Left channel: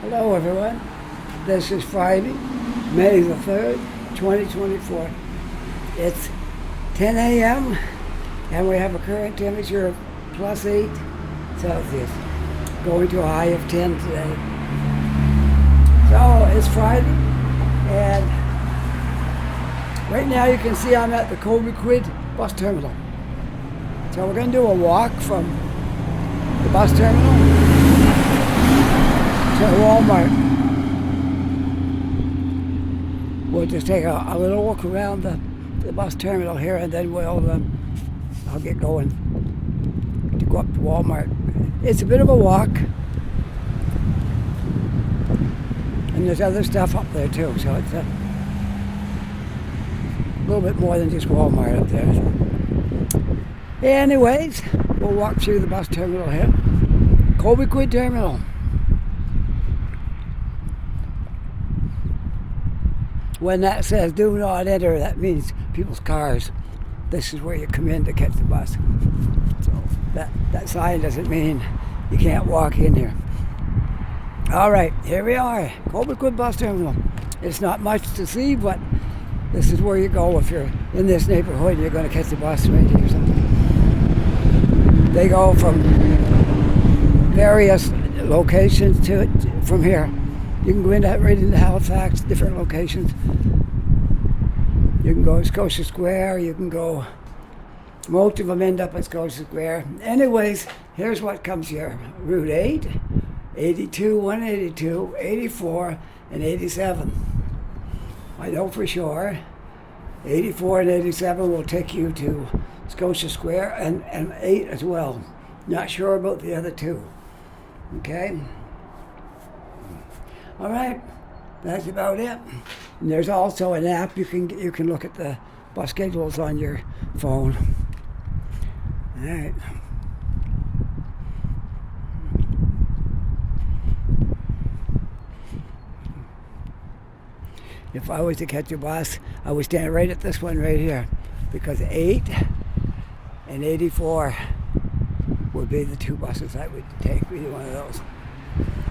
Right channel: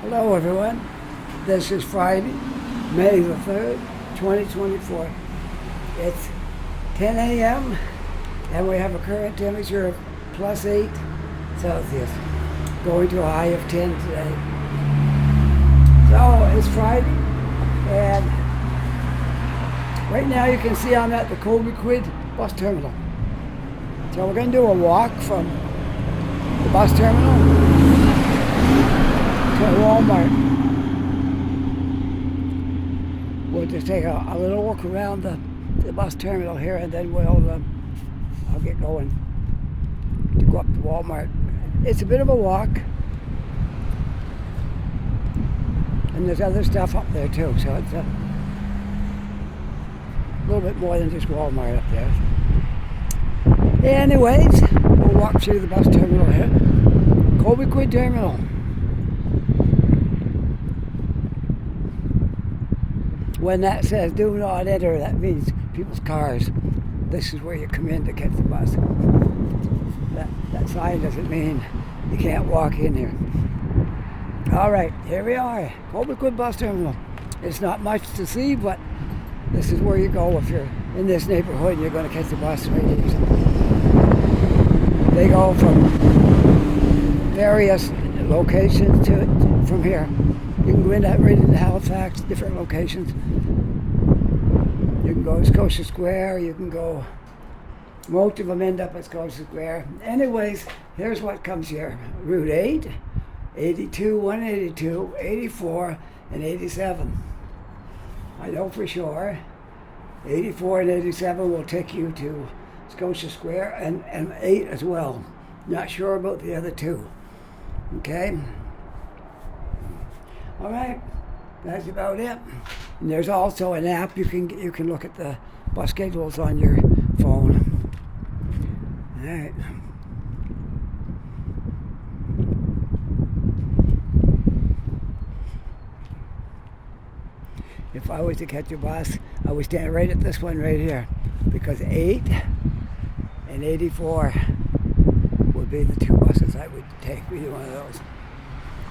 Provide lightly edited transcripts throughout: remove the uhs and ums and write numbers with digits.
Hello everyone, this is Friday, May the 3rd, 2024. It's 10 a.m. and we have a current temperature of plus 8 Celsius, going to a high of 10 today. So it's Friday, and right now you can see I'm at the Cobequid bus terminal. So we're going to do a walk from the bus terminal to Walmart. We'll just take a little walk around the bus terminal here, and then I'll get going to go up to Walmart. It's a bit of a walk, and there's other stuff up there too, so it's a little bit more than just Walmart up there. Anyways, we'll walk through the bus terminal here. Cobequid terminal. When that says do not enter, that means people's cars. This is where you come in to catch the bus. So that sign doesn't mean you can't walk in here. All right, here we are, Cobequid bus terminal. It's not much to see, but this is where you go if you're in this neighborhood and you're going to catch the bus right here. They go from various locations to it from here. You can go right into Halifax, different locations. You can go to Scotia Square, you can go, most of them end up at Scotia Square. Anyways, here's what comes here. Route 8, 82, 182, 84, and 87. I know for sure 84 and 87 will take you to Scotia Square, and 8 as well. Not sure about the other two. Okay? All right, that's about it. And there's also an app you can look at the bus schedules on your phone. All right. If I was to catch a bus, I would stand right at this one right here, because 8 and 84 would be the two buses I would take, either one of those.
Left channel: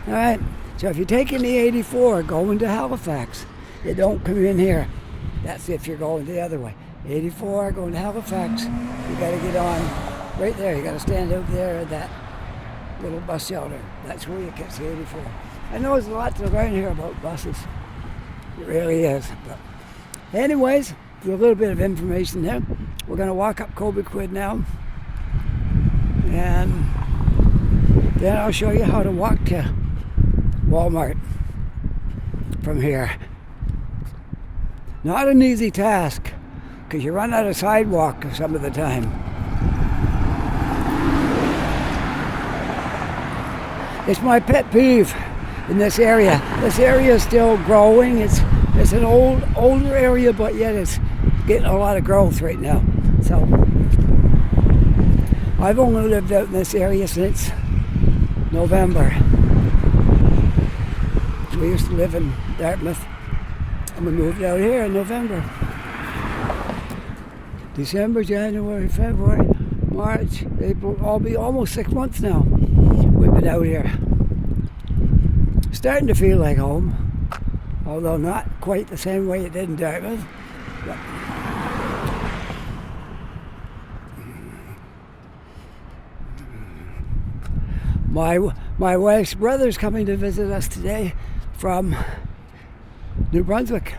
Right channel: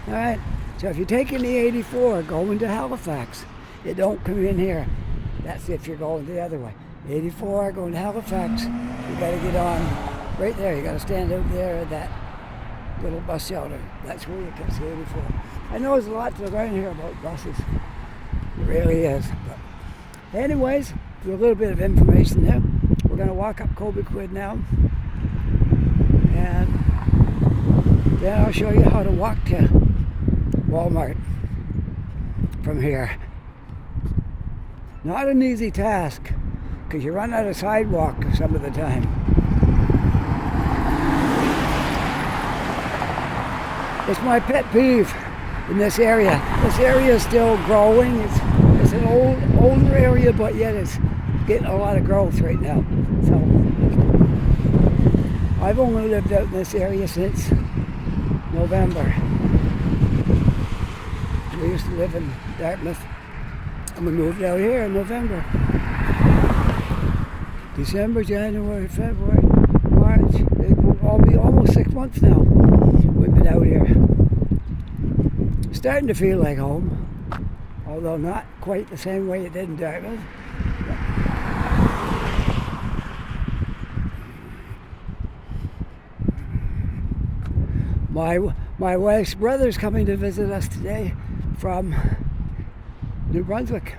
All right. So if you're taking the 84 going to Halifax, you don't come in here. That's if you're going the other way. 84 going to Halifax, you got to get on right there. You got to stand out there at that little bus shelter. That's where you catch the 84. I know there's a lot to learn here about buses. There really is. But anyways, there's a little bit of information there. We're going to walk up Cobequid now, and then I'll show you how to walk to Walmart from here. Not an easy task, because you run out of sidewalk some of the time. It's my pet peeve in this area. This area is still growing. It's an older area, but yet it's getting a lot of growth right now. So I've only lived out in this area since November. We used to live in Dartmouth, and we moved out here in November. December, January, February, March, April, I'll be almost 6 months now we've been out here. Starting to feel like home, although not quite the same way it did in Dartmouth. My wife's brother's coming to visit us today from New Brunswick.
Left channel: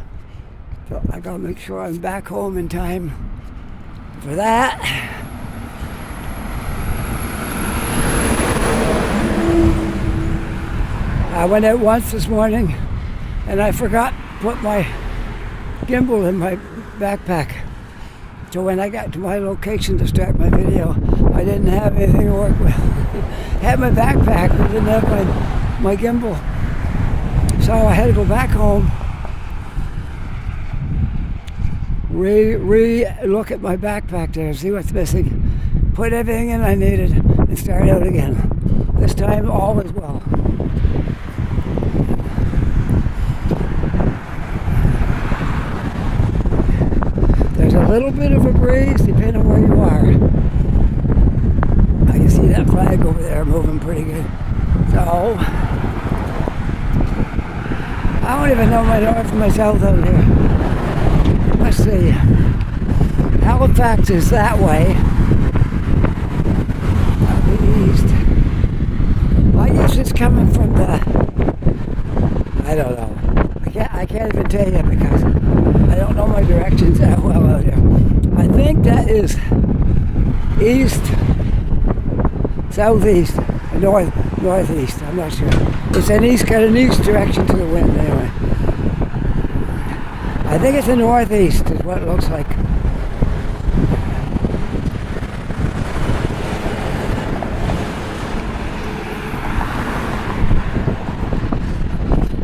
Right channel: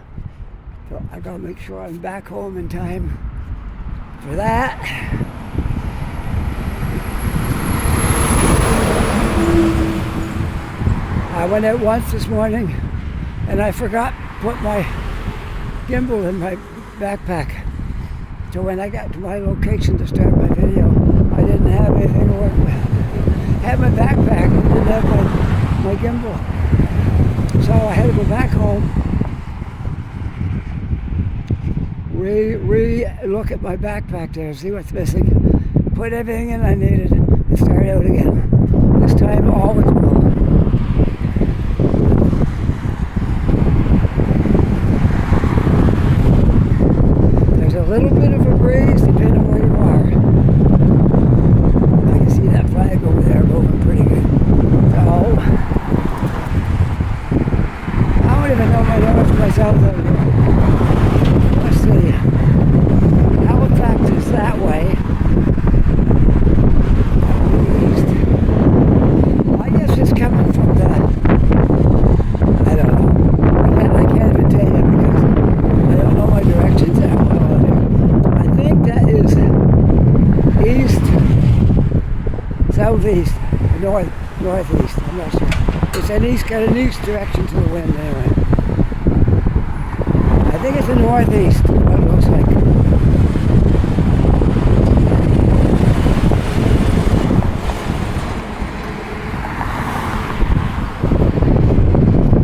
So I gotta make sure I'm back home in time for that. I went out once this morning and I forgot to put my gimbal in my backpack. So when I got to my location to start my video, I didn't have anything to work with. Had my backpack, but didn't have my gimbal. So I had to go back home, look at my backpack there, see what's missing, put everything in I needed, and start out again. This time all is well. There's a little bit of a breeze depending on where you are. I can see that flag over there moving pretty good. So don't even know my north and my south out here. Let's see. Halifax is that way. East. I guess it's coming from the, I don't know. I can't even tell you because I don't know my directions that well out here. I think that is east, southeast, northeast. I'm not sure. It's got an east direction to the wind anyway. I think it's the northeast is what it looks like.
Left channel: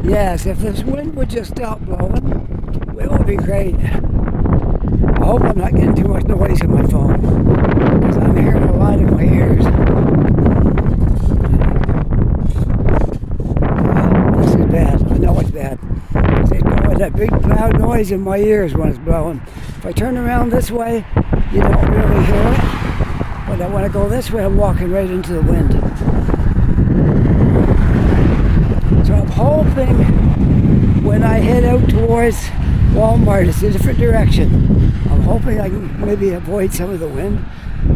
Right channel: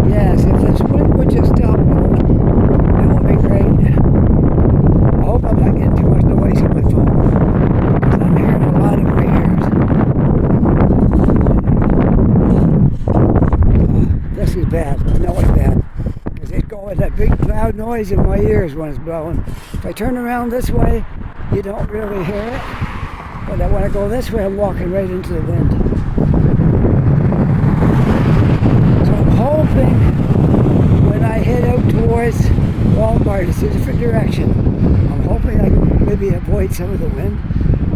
Yes, if this wind would just stop blowing, it would be great. I hope I'm not getting too much noise in my phone, because I'm hearing a lot in my ears. This is bad. I know it's bad. It's going that big loud noise in my ears when it's blowing. If I turn around this way, you don't really hear it. But when I go this way, I'm walking right into the wind. I'm hoping when I head out towards Walmart, it's a different direction. I'm hoping I can maybe avoid some of the wind.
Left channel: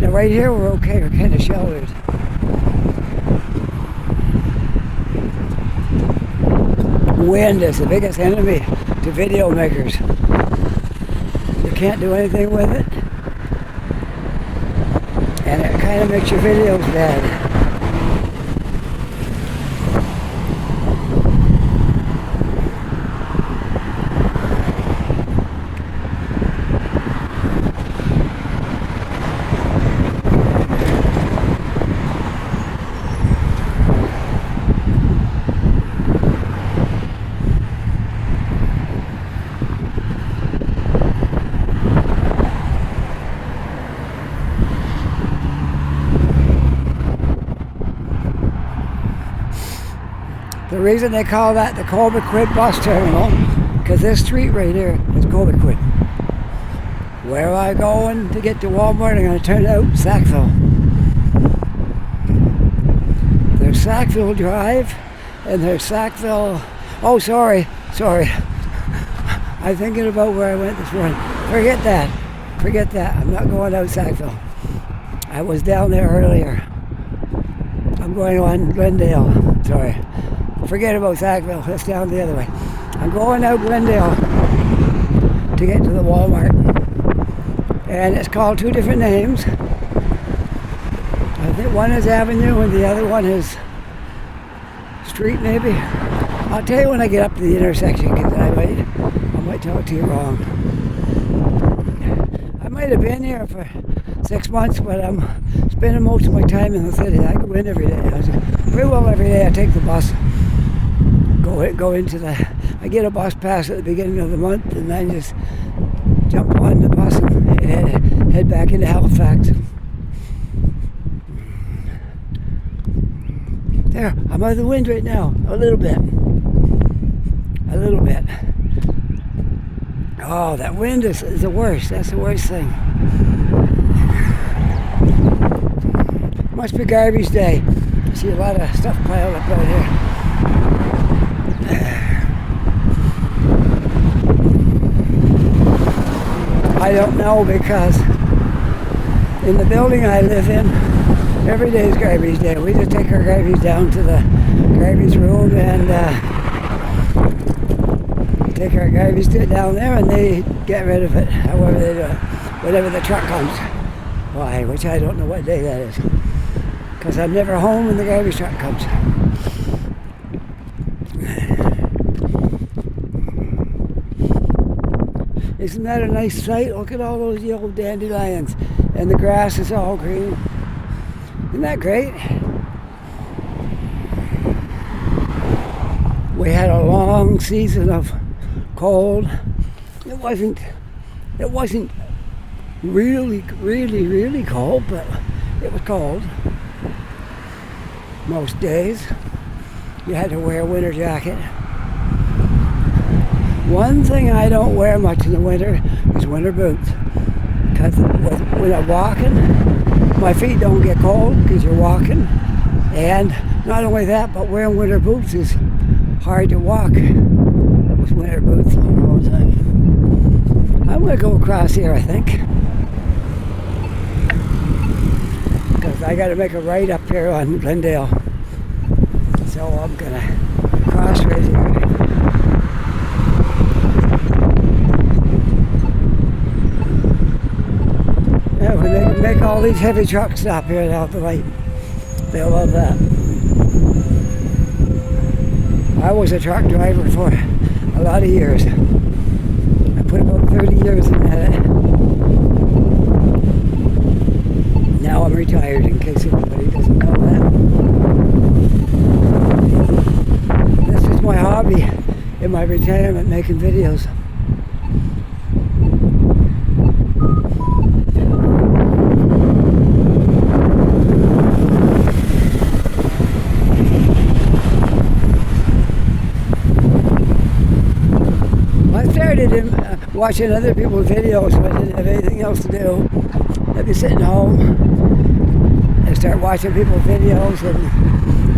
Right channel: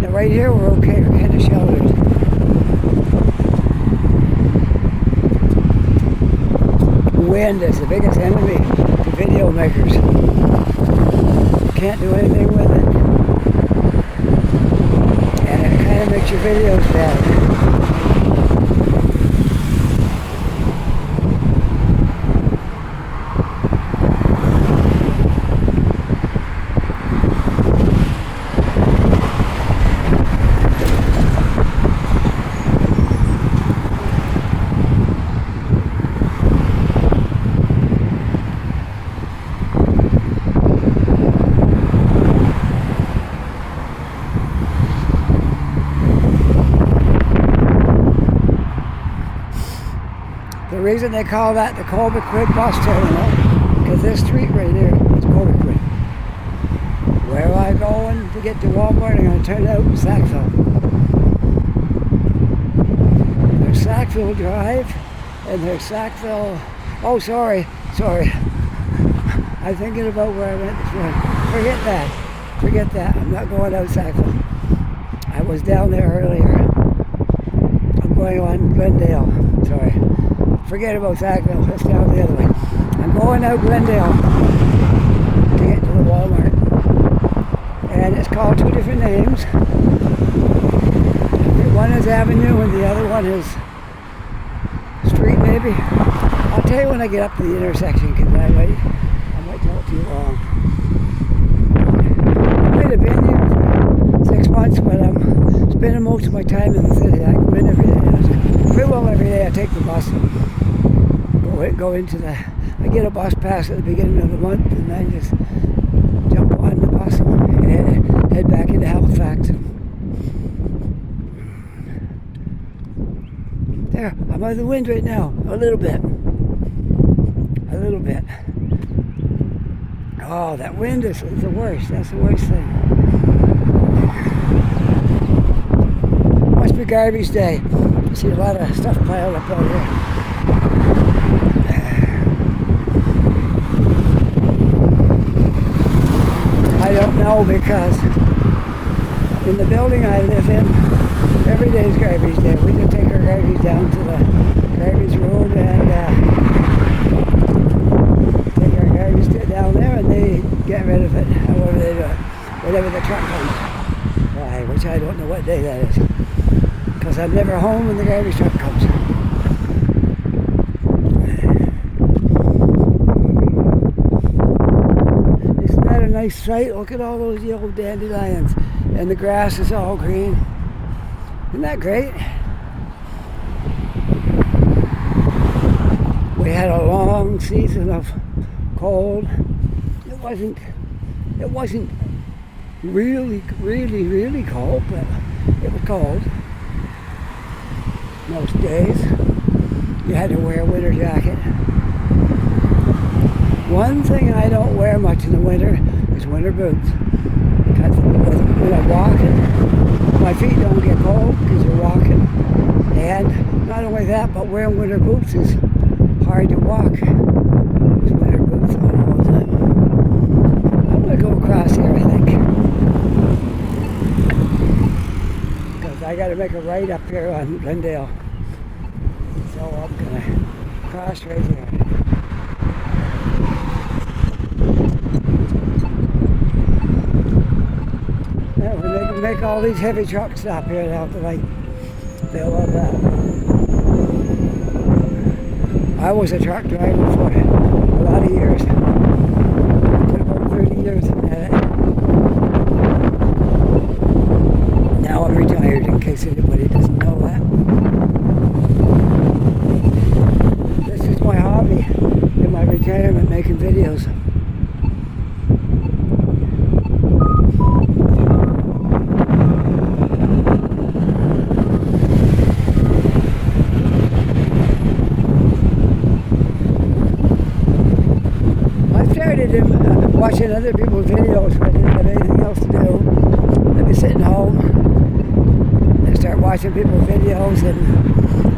Now right here we're okay, we're kind of sheltered. Wind is the biggest enemy to video makers. You can't do anything with it. And it kind of makes your videos bad. The reason they call that the Cobequid bus terminal, because this street right here is Cobequid. Where am I going to get to Walmart? I'm going to turn out Sackville. There's Sackville Drive, and there's Sackville. Oh, sorry. I'm thinking about where I went this morning. Forget that. I'm not going out Sackville. I was down there earlier. I'm going on Glendale. Sorry. Forget about Sackville, that's down the other way. I'm going out Glendale to get to the Walmart. And it's called two different names. I think one is Avenue and the other one is Street maybe. I'll tell you when I get up to the intersection because I might talk to you wrong. I might have been here for 6 months, but I'm spending most of my time in the city. I go in every day. Pretty well every day I take the bus. Go into I get a bus pass at the beginning of the month and then just jump on the bus and head back into Halifax. There, I'm out of the wind right now, a little bit. Oh, that wind is the worst, that's the worst thing. Must be garbage day. I see a lot of stuff piled up out here. I don't know because in the building I live in, every day is garbage day. We just take our garbage down to the garbage room and take our garbage down there and they get rid of it, however they do it, whenever the truck comes. Why, which I don't know what day that is. Because I'm never home when the garbage truck comes. Isn't that a nice sight? Look at all those yellow dandelions. And the grass is all green. Isn't that great? We had a long season of cold. It wasn't really cold, but it was cold. Most days. You had to wear a winter jacket. One thing I don't wear much in the winter is winter boots. Because when I'm walking, my feet don't get cold because you're walking. And not only that, but wearing winter boots is hard to walk those winter boots on all the time. I'm going to go across here, I think. Because I got to make a right up here on Glendale. So I'm going to cross right here. Yeah, when they make all these heavy trucks stop here without the light, they'll love that. I was a truck driver for a lot of years. I put about 30 years in that. Now I'm retired, in case anybody doesn't know that. This is my hobby in my retirement, making videos. I started watching other people's videos when I didn't have anything else to do. I'd be sitting home and start watching people's videos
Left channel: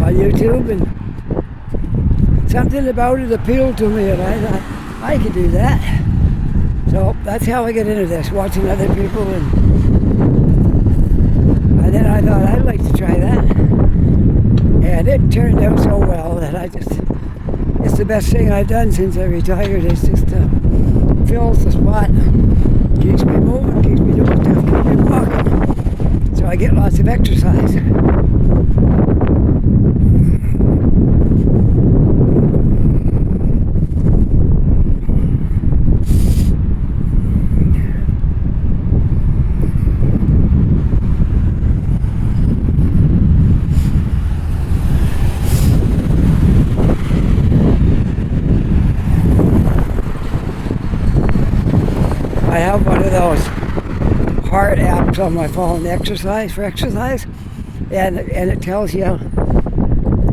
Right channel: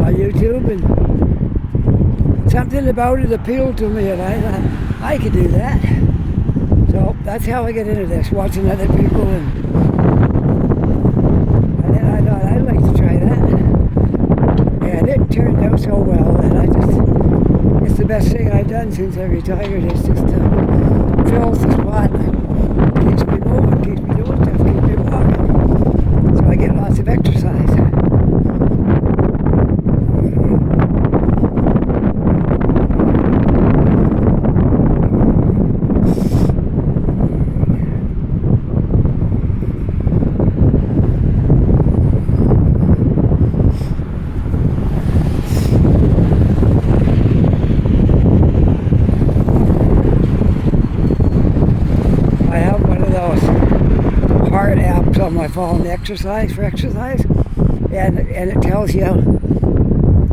on YouTube, and something about it appealed to me, and I thought I could do that. So that's how I get into this, watching other people, and then I thought I'd like to try that. And it turned out so well that it's the best thing I've done since I retired. It's just fills the spot, keeps me moving, keeps me doing stuff, keeps me walking. So I get lots of exercise. I have one of those heart apps on my phone, exercise, and it tells you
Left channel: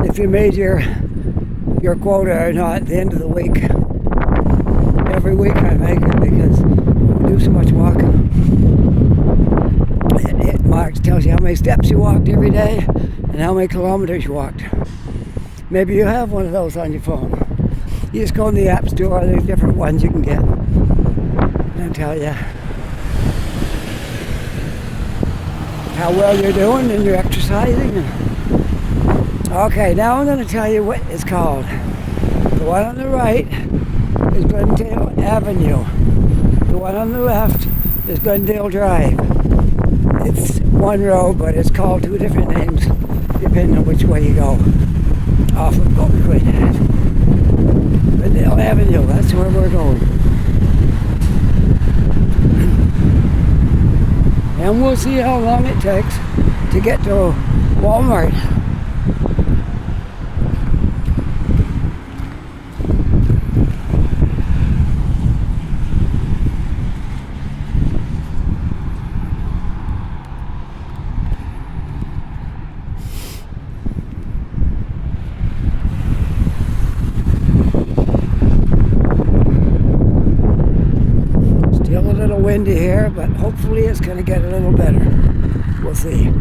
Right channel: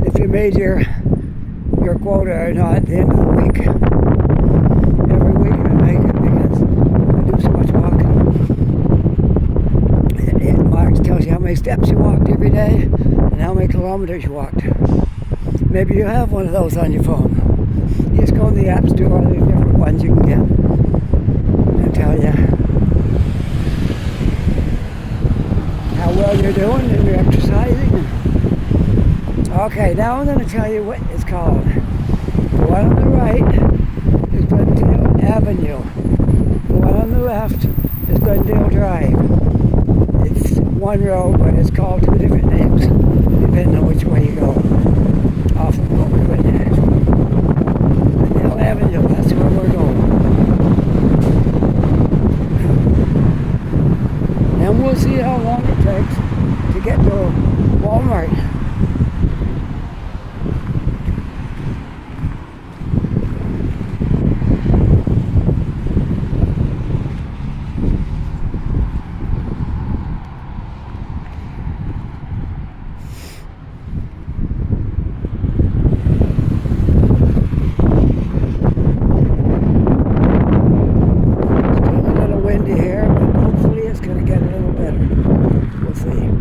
if you made your quota or not at the end of the week. Every week I make it because I do so much walking. It marks, tells you how many steps you walked every day and how many kilometers you walked. Maybe you have one of those on your phone. You just go in the app store, there's different ones you can get. And tell you how well you're doing and you're exercising. Okay, now I'm going to tell you what it's called. The one on the right is Glendale Avenue. The one on the left is Glendale Drive. It's one road, but it's called two different names depending on which way you go. Off of Cobequid. Glendale Avenue, that's where we're going. And we'll see how long it takes to get to Walmart. Windy here, but hopefully it's going to get a little better. We'll see.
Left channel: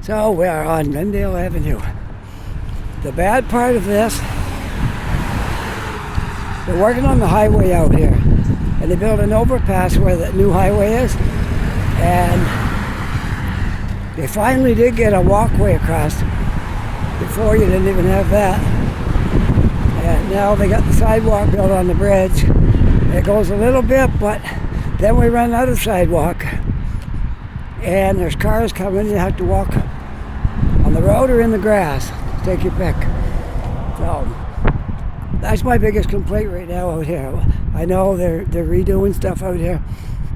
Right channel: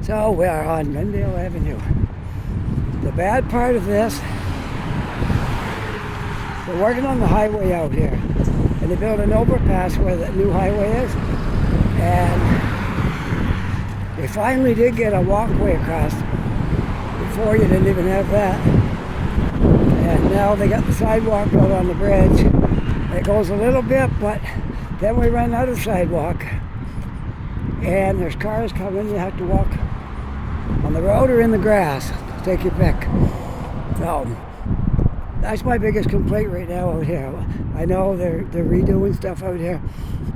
So we are on Glendale Avenue. The bad part of this, they're working on the highway out here, and they built an overpass where the new highway is, and they finally did get a walkway across. Before you didn't even have that. And now they got the sidewalk built on the bridge. It goes a little bit, but then we run out of sidewalk. And there's cars coming, you have to walk on the road or in the grass. Take your pick. So, that's my biggest complaint right now out here. I know they're redoing stuff out here,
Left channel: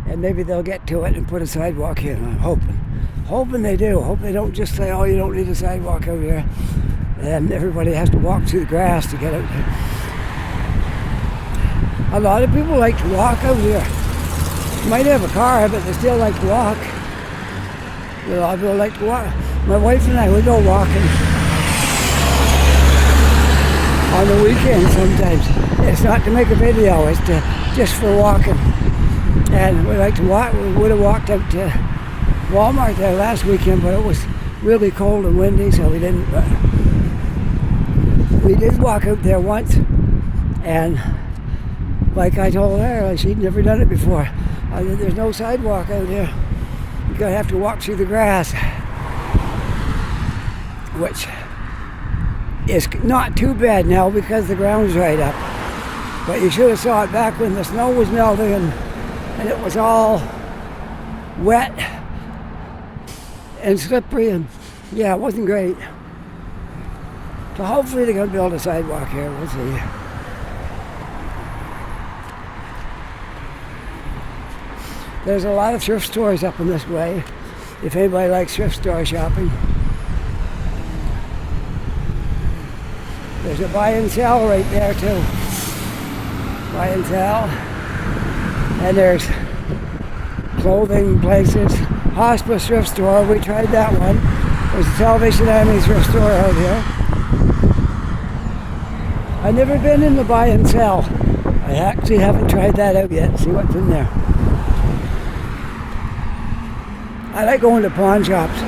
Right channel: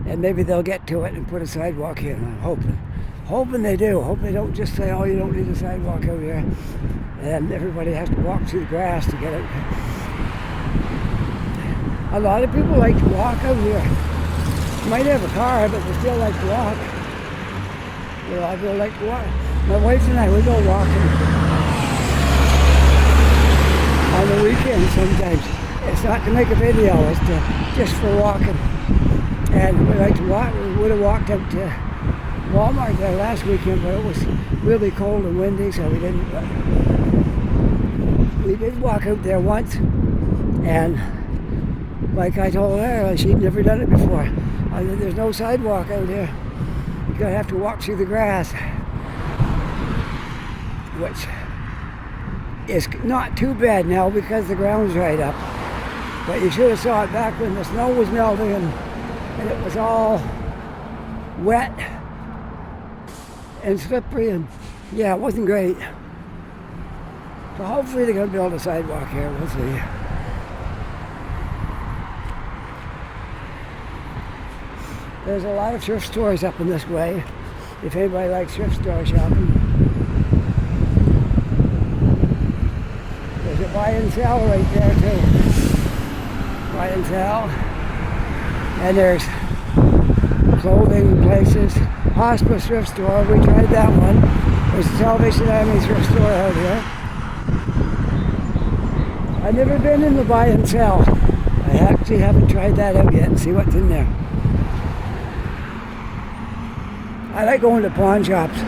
and maybe they'll get to it and put a sidewalk in, I'm hoping they do. Hope they don't just say, oh, you don't need a sidewalk out here. And everybody has to walk through the grass to get out here. A lot of people like to walk out here. Might have a car, but they still like to walk. A lot of people like to walk. My wife and I, we go walking on the weekend sometimes. It's not to make a video, it's just for walking. And we like to walk. We would have walked up to Walmart there last weekend, but it was really cold and windy, so we didn't. we did walk out there once, and like I told her, she'd never done it before. I said, there's no sidewalk out here. You're going to have to walk through the grass, which is not too bad now because the ground's right up. But you should have saw it back when the snow was melting and it was all wet and slippery, and yeah, it wasn't great. So hopefully they're going to build a sidewalk here. We'll see. There's a lot of thrift stores up in this way, if anybody likes thrift store shopping. There's a buy and sell right there too. Buy and sell. And there's clothing places. Hospice thrift store, we tried that one. There's a Salvation Army thrift store out here. I've never been in the buy and sell. I actually haven't tried that out yet and see what's in there. I like going to pawn shops.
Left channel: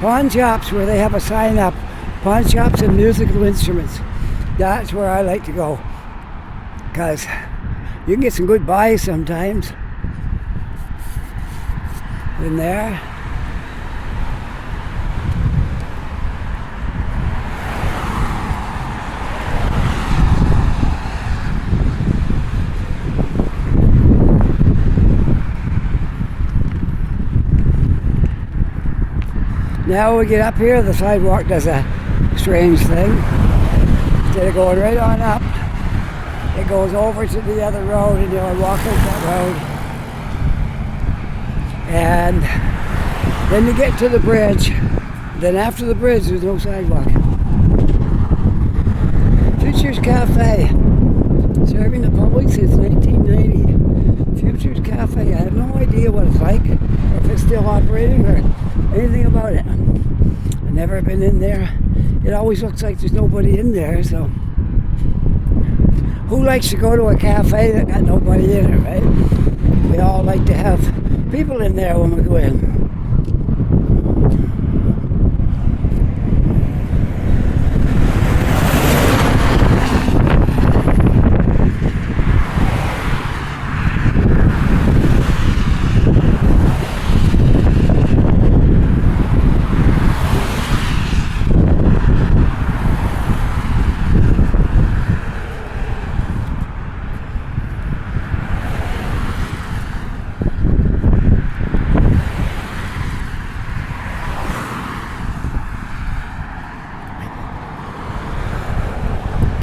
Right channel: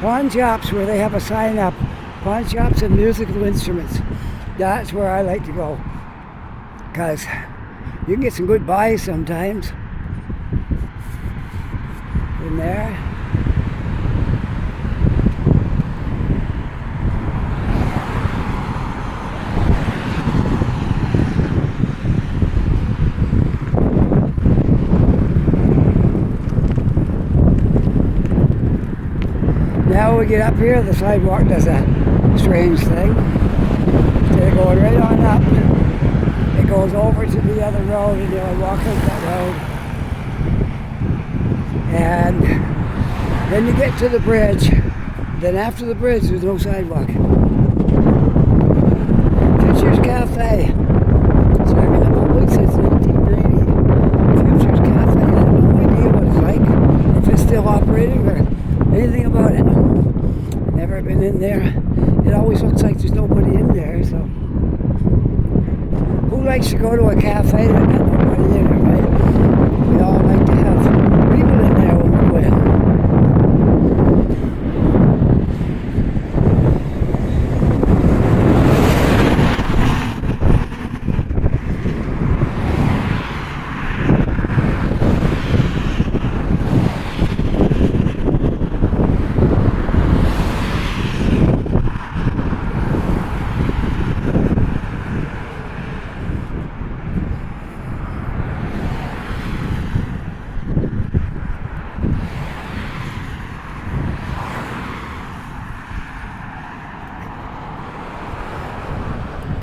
Pawn shops where they have a sign up. Pawn shops and musical instruments. That's where I like to go. Because you can get some good buys sometimes in there. Now we get up here, the sidewalk does a strange thing. Instead of going right on up, it goes over to the other road, and you'll walk out that road. And then you get to the bridge. Then after the bridge, there's no sidewalk. Future's Cafe. Serving the public since 1990. Future's Cafe. I have no idea what it's like, or if it's still operating, or anything about it. I've never been in there. It always looks like there's nobody in there, so. Who likes to go to a cafe that got nobody in it, right? We all like to have people in there when we go in.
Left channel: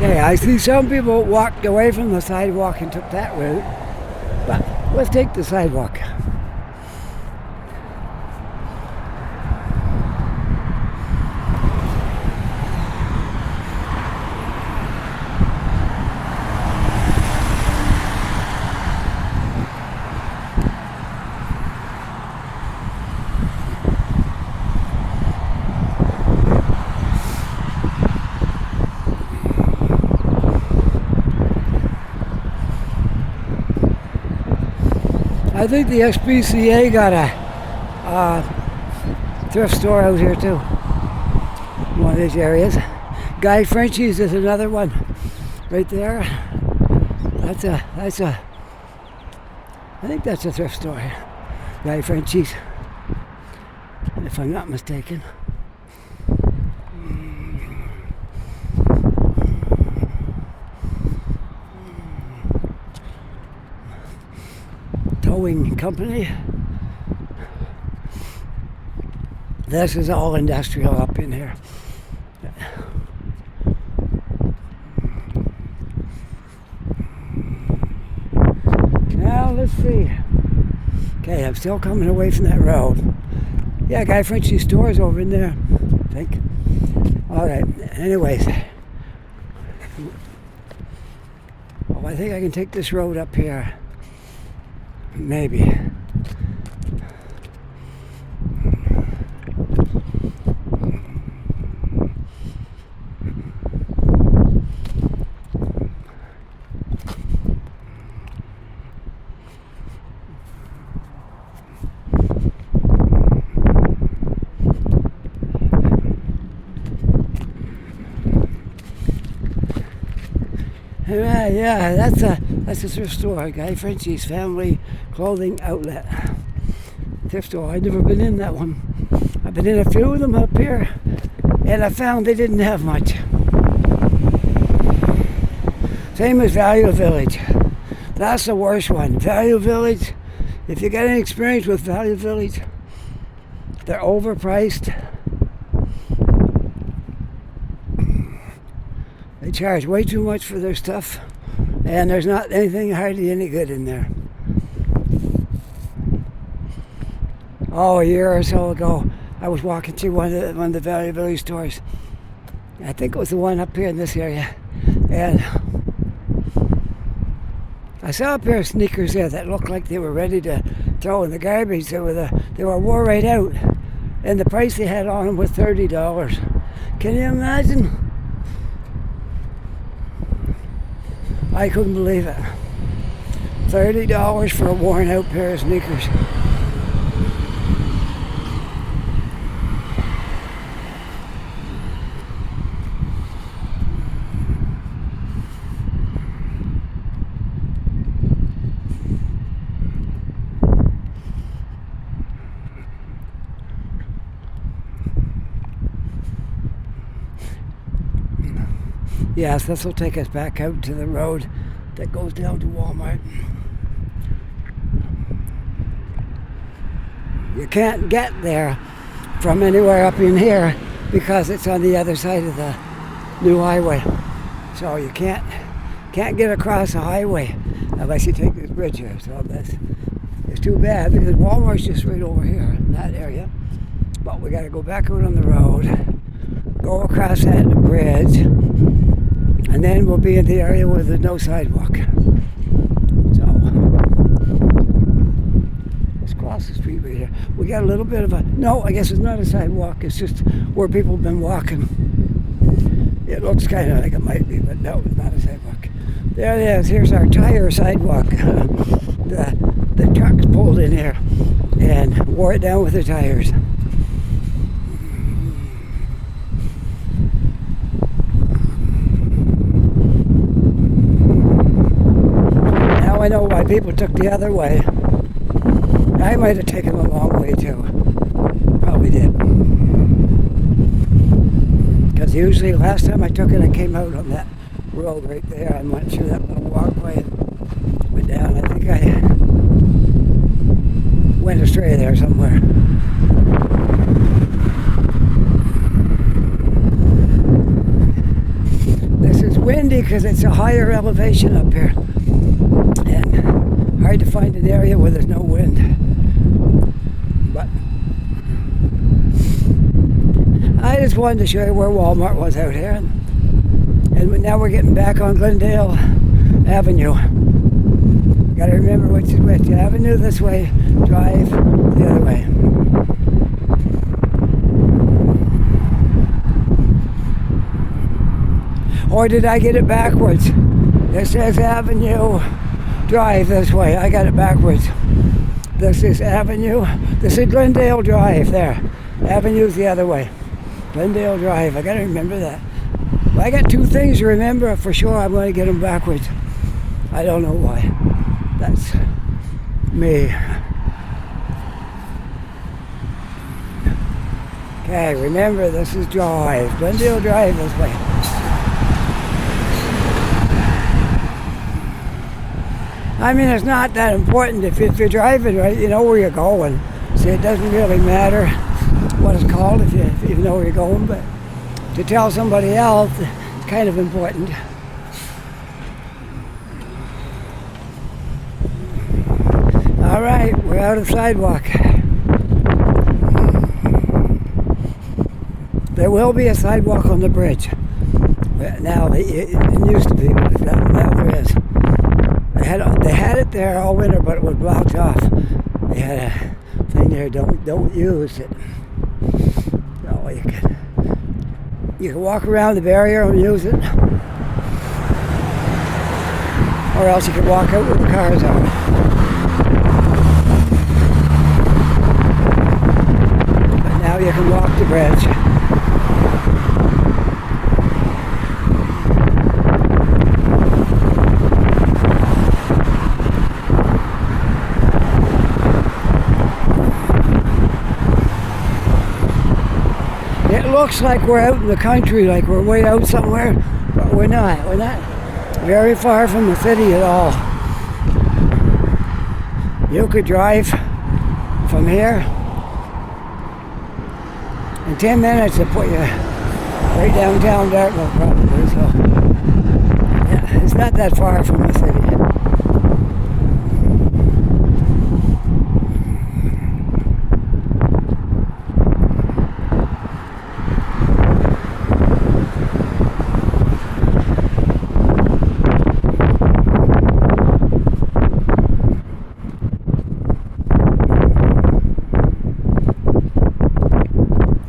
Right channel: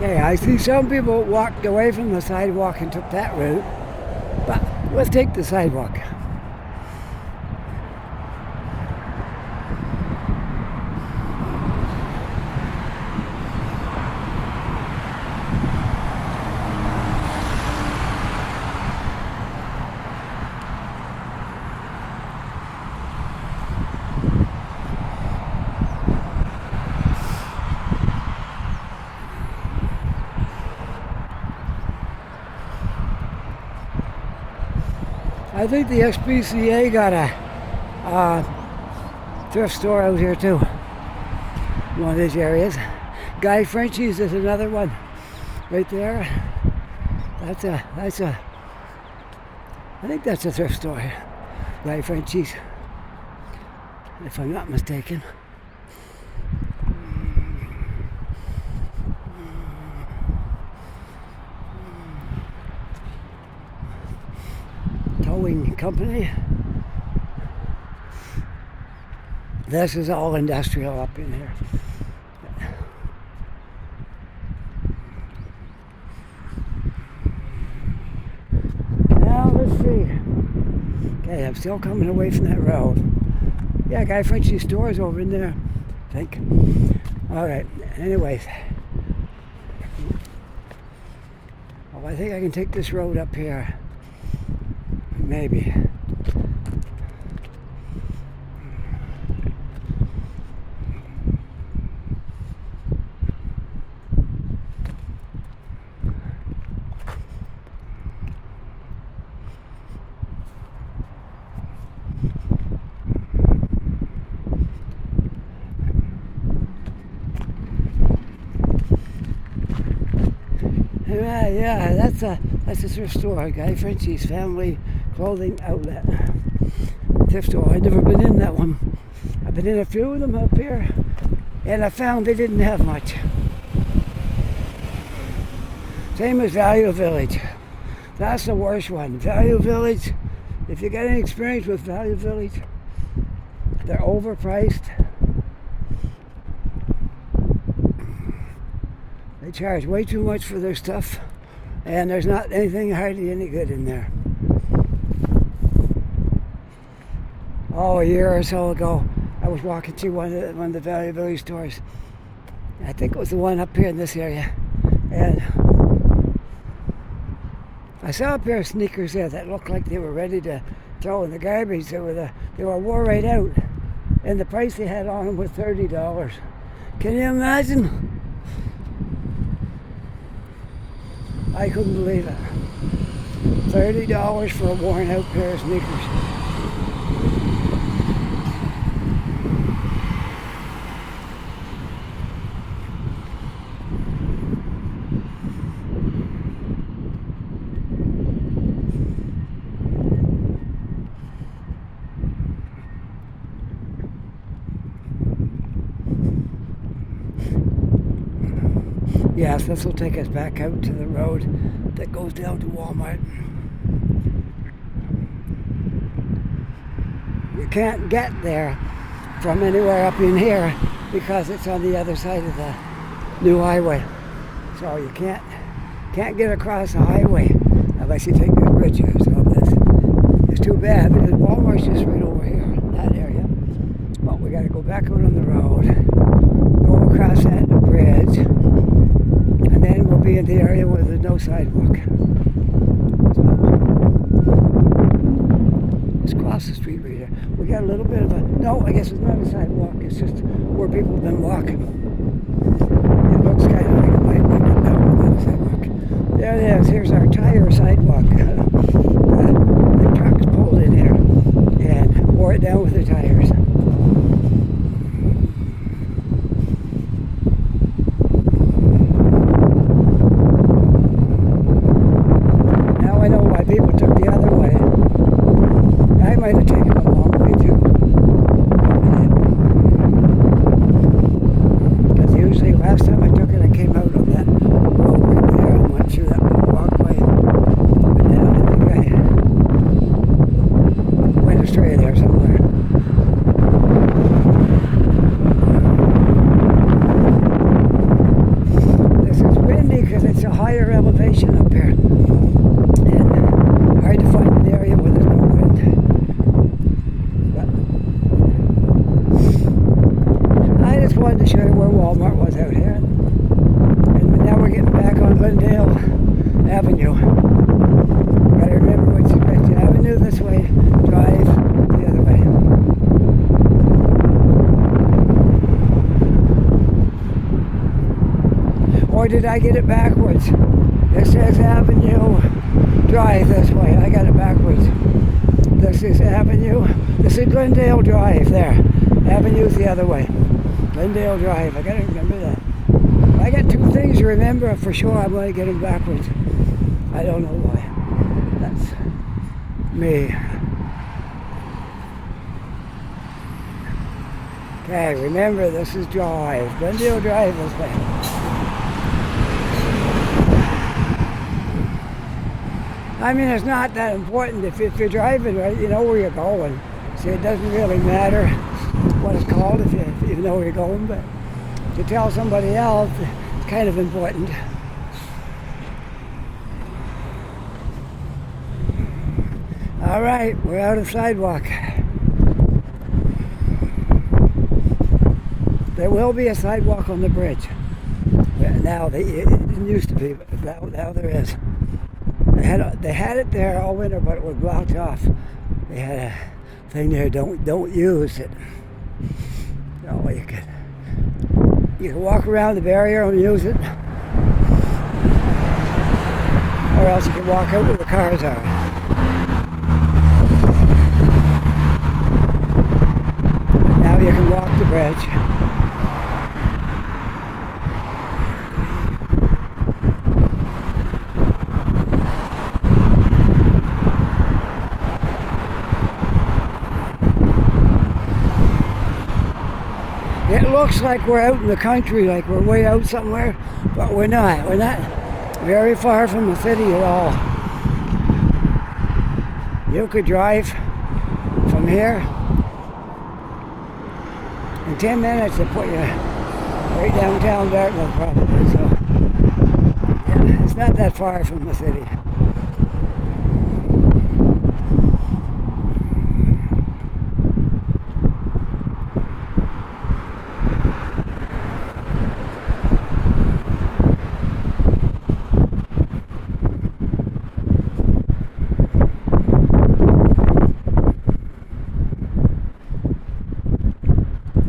Okay, I see some people walked away from the sidewalk and took that route, but let's take the sidewalk. I think the SPCA got a thrift store out here too. One of these areas. Guy Frenchie's is another one right there. That's a I think that's a thrift store here. Guy Frenchie's, if I'm not mistaken. Towing company. This is all industrial up in here. Now let's see. Okay, I'm still coming away from that road. Yeah, Guy Frenchie's store is over in there, I think. Alright, anyways. Well, I think I can take this road up here. Maybe. Yeah, that's a thrift store, Guy Frenchie's Family Clothing Outlet. Thrift store. I've never been in that one. I've been in a few of them up here, and I found they didn't have much. Same as Value Village. That's the worst one. Value Village, if you get any experience with Value Village, they're overpriced. They charge way too much for their stuff, and there's not anything hardly any good in there. Oh, a year or so ago, I was walking through one of the Value Village stores. I think it was the one up here in this area, and I saw a pair of sneakers there that looked like they were ready to throw in the garbage. They were wore right out, and the price they had on them was $30. Can you imagine? I couldn't believe it. $30 for a worn out pair of sneakers. Yes, this will take us back out to the road that goes down to Walmart. You can't get there from anywhere up in here because it's on the other side of the new highway. So you can't get across the highway unless you take this bridge here. So this is too bad because Walmart's just right over here in that area. But we got to go back out on the road, go across that bridge, and then we'll be in the area where there's no sidewalk. So, let's cross the street right here. We got a little bit of no, I guess it's not a sidewalk, it's just where people have been walking. It looks kind of like it might be, but no, not a sidewalk. There it is, here's our tire sidewalk. The trucks pulled in here and wore it down with their tires. I know why people took the other way. I might have taken the long way too. Probably did. Because usually last time I took it, I came out on that road right there and went through that walkway and down. I think I went astray there somewhere. This is windy because it's a higher elevation up here. And hard to find an area where there's no wind. But I just wanted to show you where Walmart was out here. And now we're getting back on Glendale Avenue. Gotta remember which avenue this way, drive the other way. Or did I get it backwards? This says Avenue, drive this way. I got it backwards. This is Avenue. This is Glendale Drive there. Avenue's the other way. Glendale Drive. I got to remember that. I got two things to remember for sure. I'm going to get them backwards. I don't know why. That's me. Okay, remember this is Drive. Glendale Drive this way. I mean, it's not that important if you're driving right, you know where you're going. So it doesn't really matter what it's called if you know where you're going, but to tell somebody else, it's kind of important. All right, we're out of the sidewalk. There will be a sidewalk on the bridge. Now, it used to be, but now there is. They had it there all winter, but it was blocked off. They had a thing there, don't use it. So you can walk around the barrier and use it, or else you can walk out where the cars are. But now you can walk the bridge. looks like we're out in the country, like we're way out somewhere, but we're not. We're not very far from the city at all. You could drive from here in 10 minutes to put you right downtown Dartmouth probably, so it's not that far from the city.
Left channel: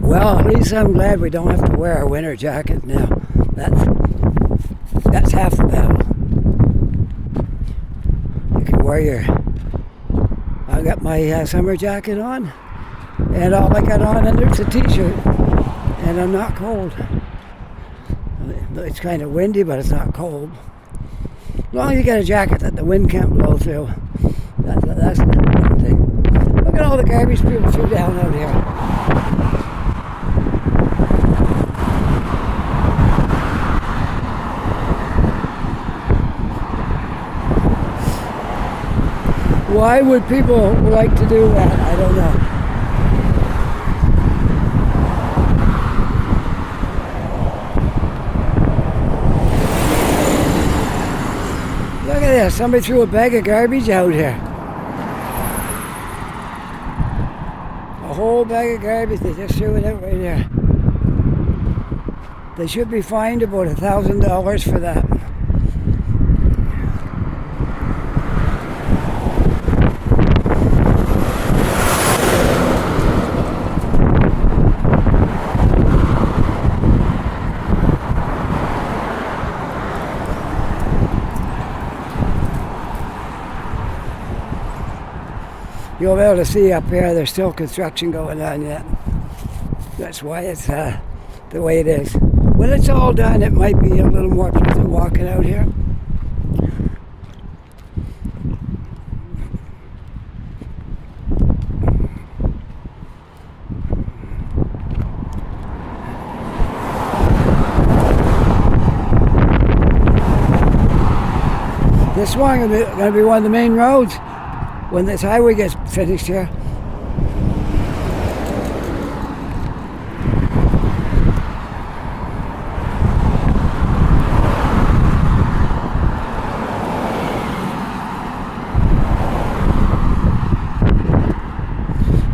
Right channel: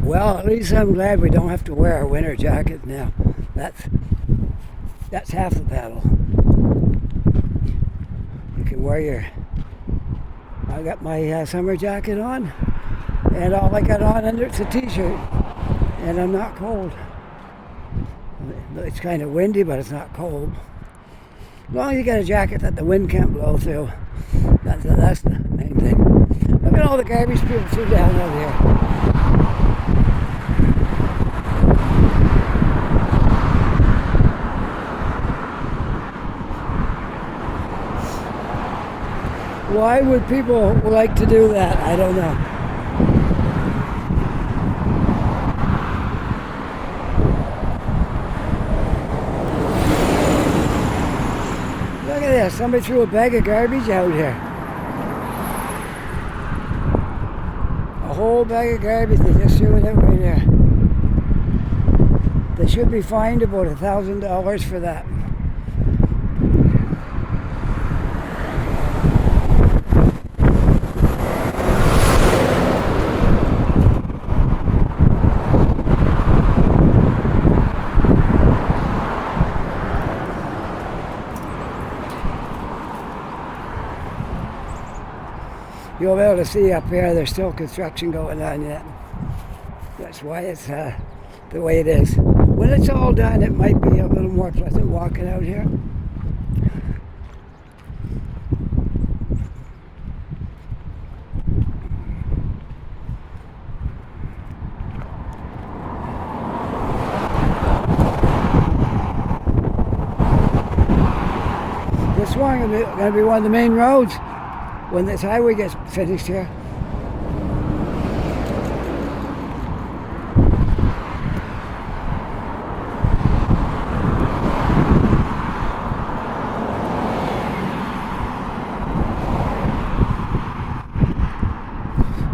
Well, at least I'm glad we don't have to wear our winter jacket now. That's half the battle. You can wear your... I got my summer jacket on, and all I got on under it's a t-shirt, and I'm not cold. It's kind of windy, but it's not cold. As long as you got a jacket that the wind can't blow through, that's the main thing. Look at all the garbage people threw down out here. Why would people like to do that? I don't know. Look at this. Somebody threw a bag of garbage out here. A whole bag of garbage. They just threw it out right there. They should be fined about $1,000 for that. You'll be able to see up here, there's still construction going on yet. That's why it's the way it is. When it's all done, it might be a little more pleasant walking out here. This one is going to be one of the main roads when this highway gets finished here.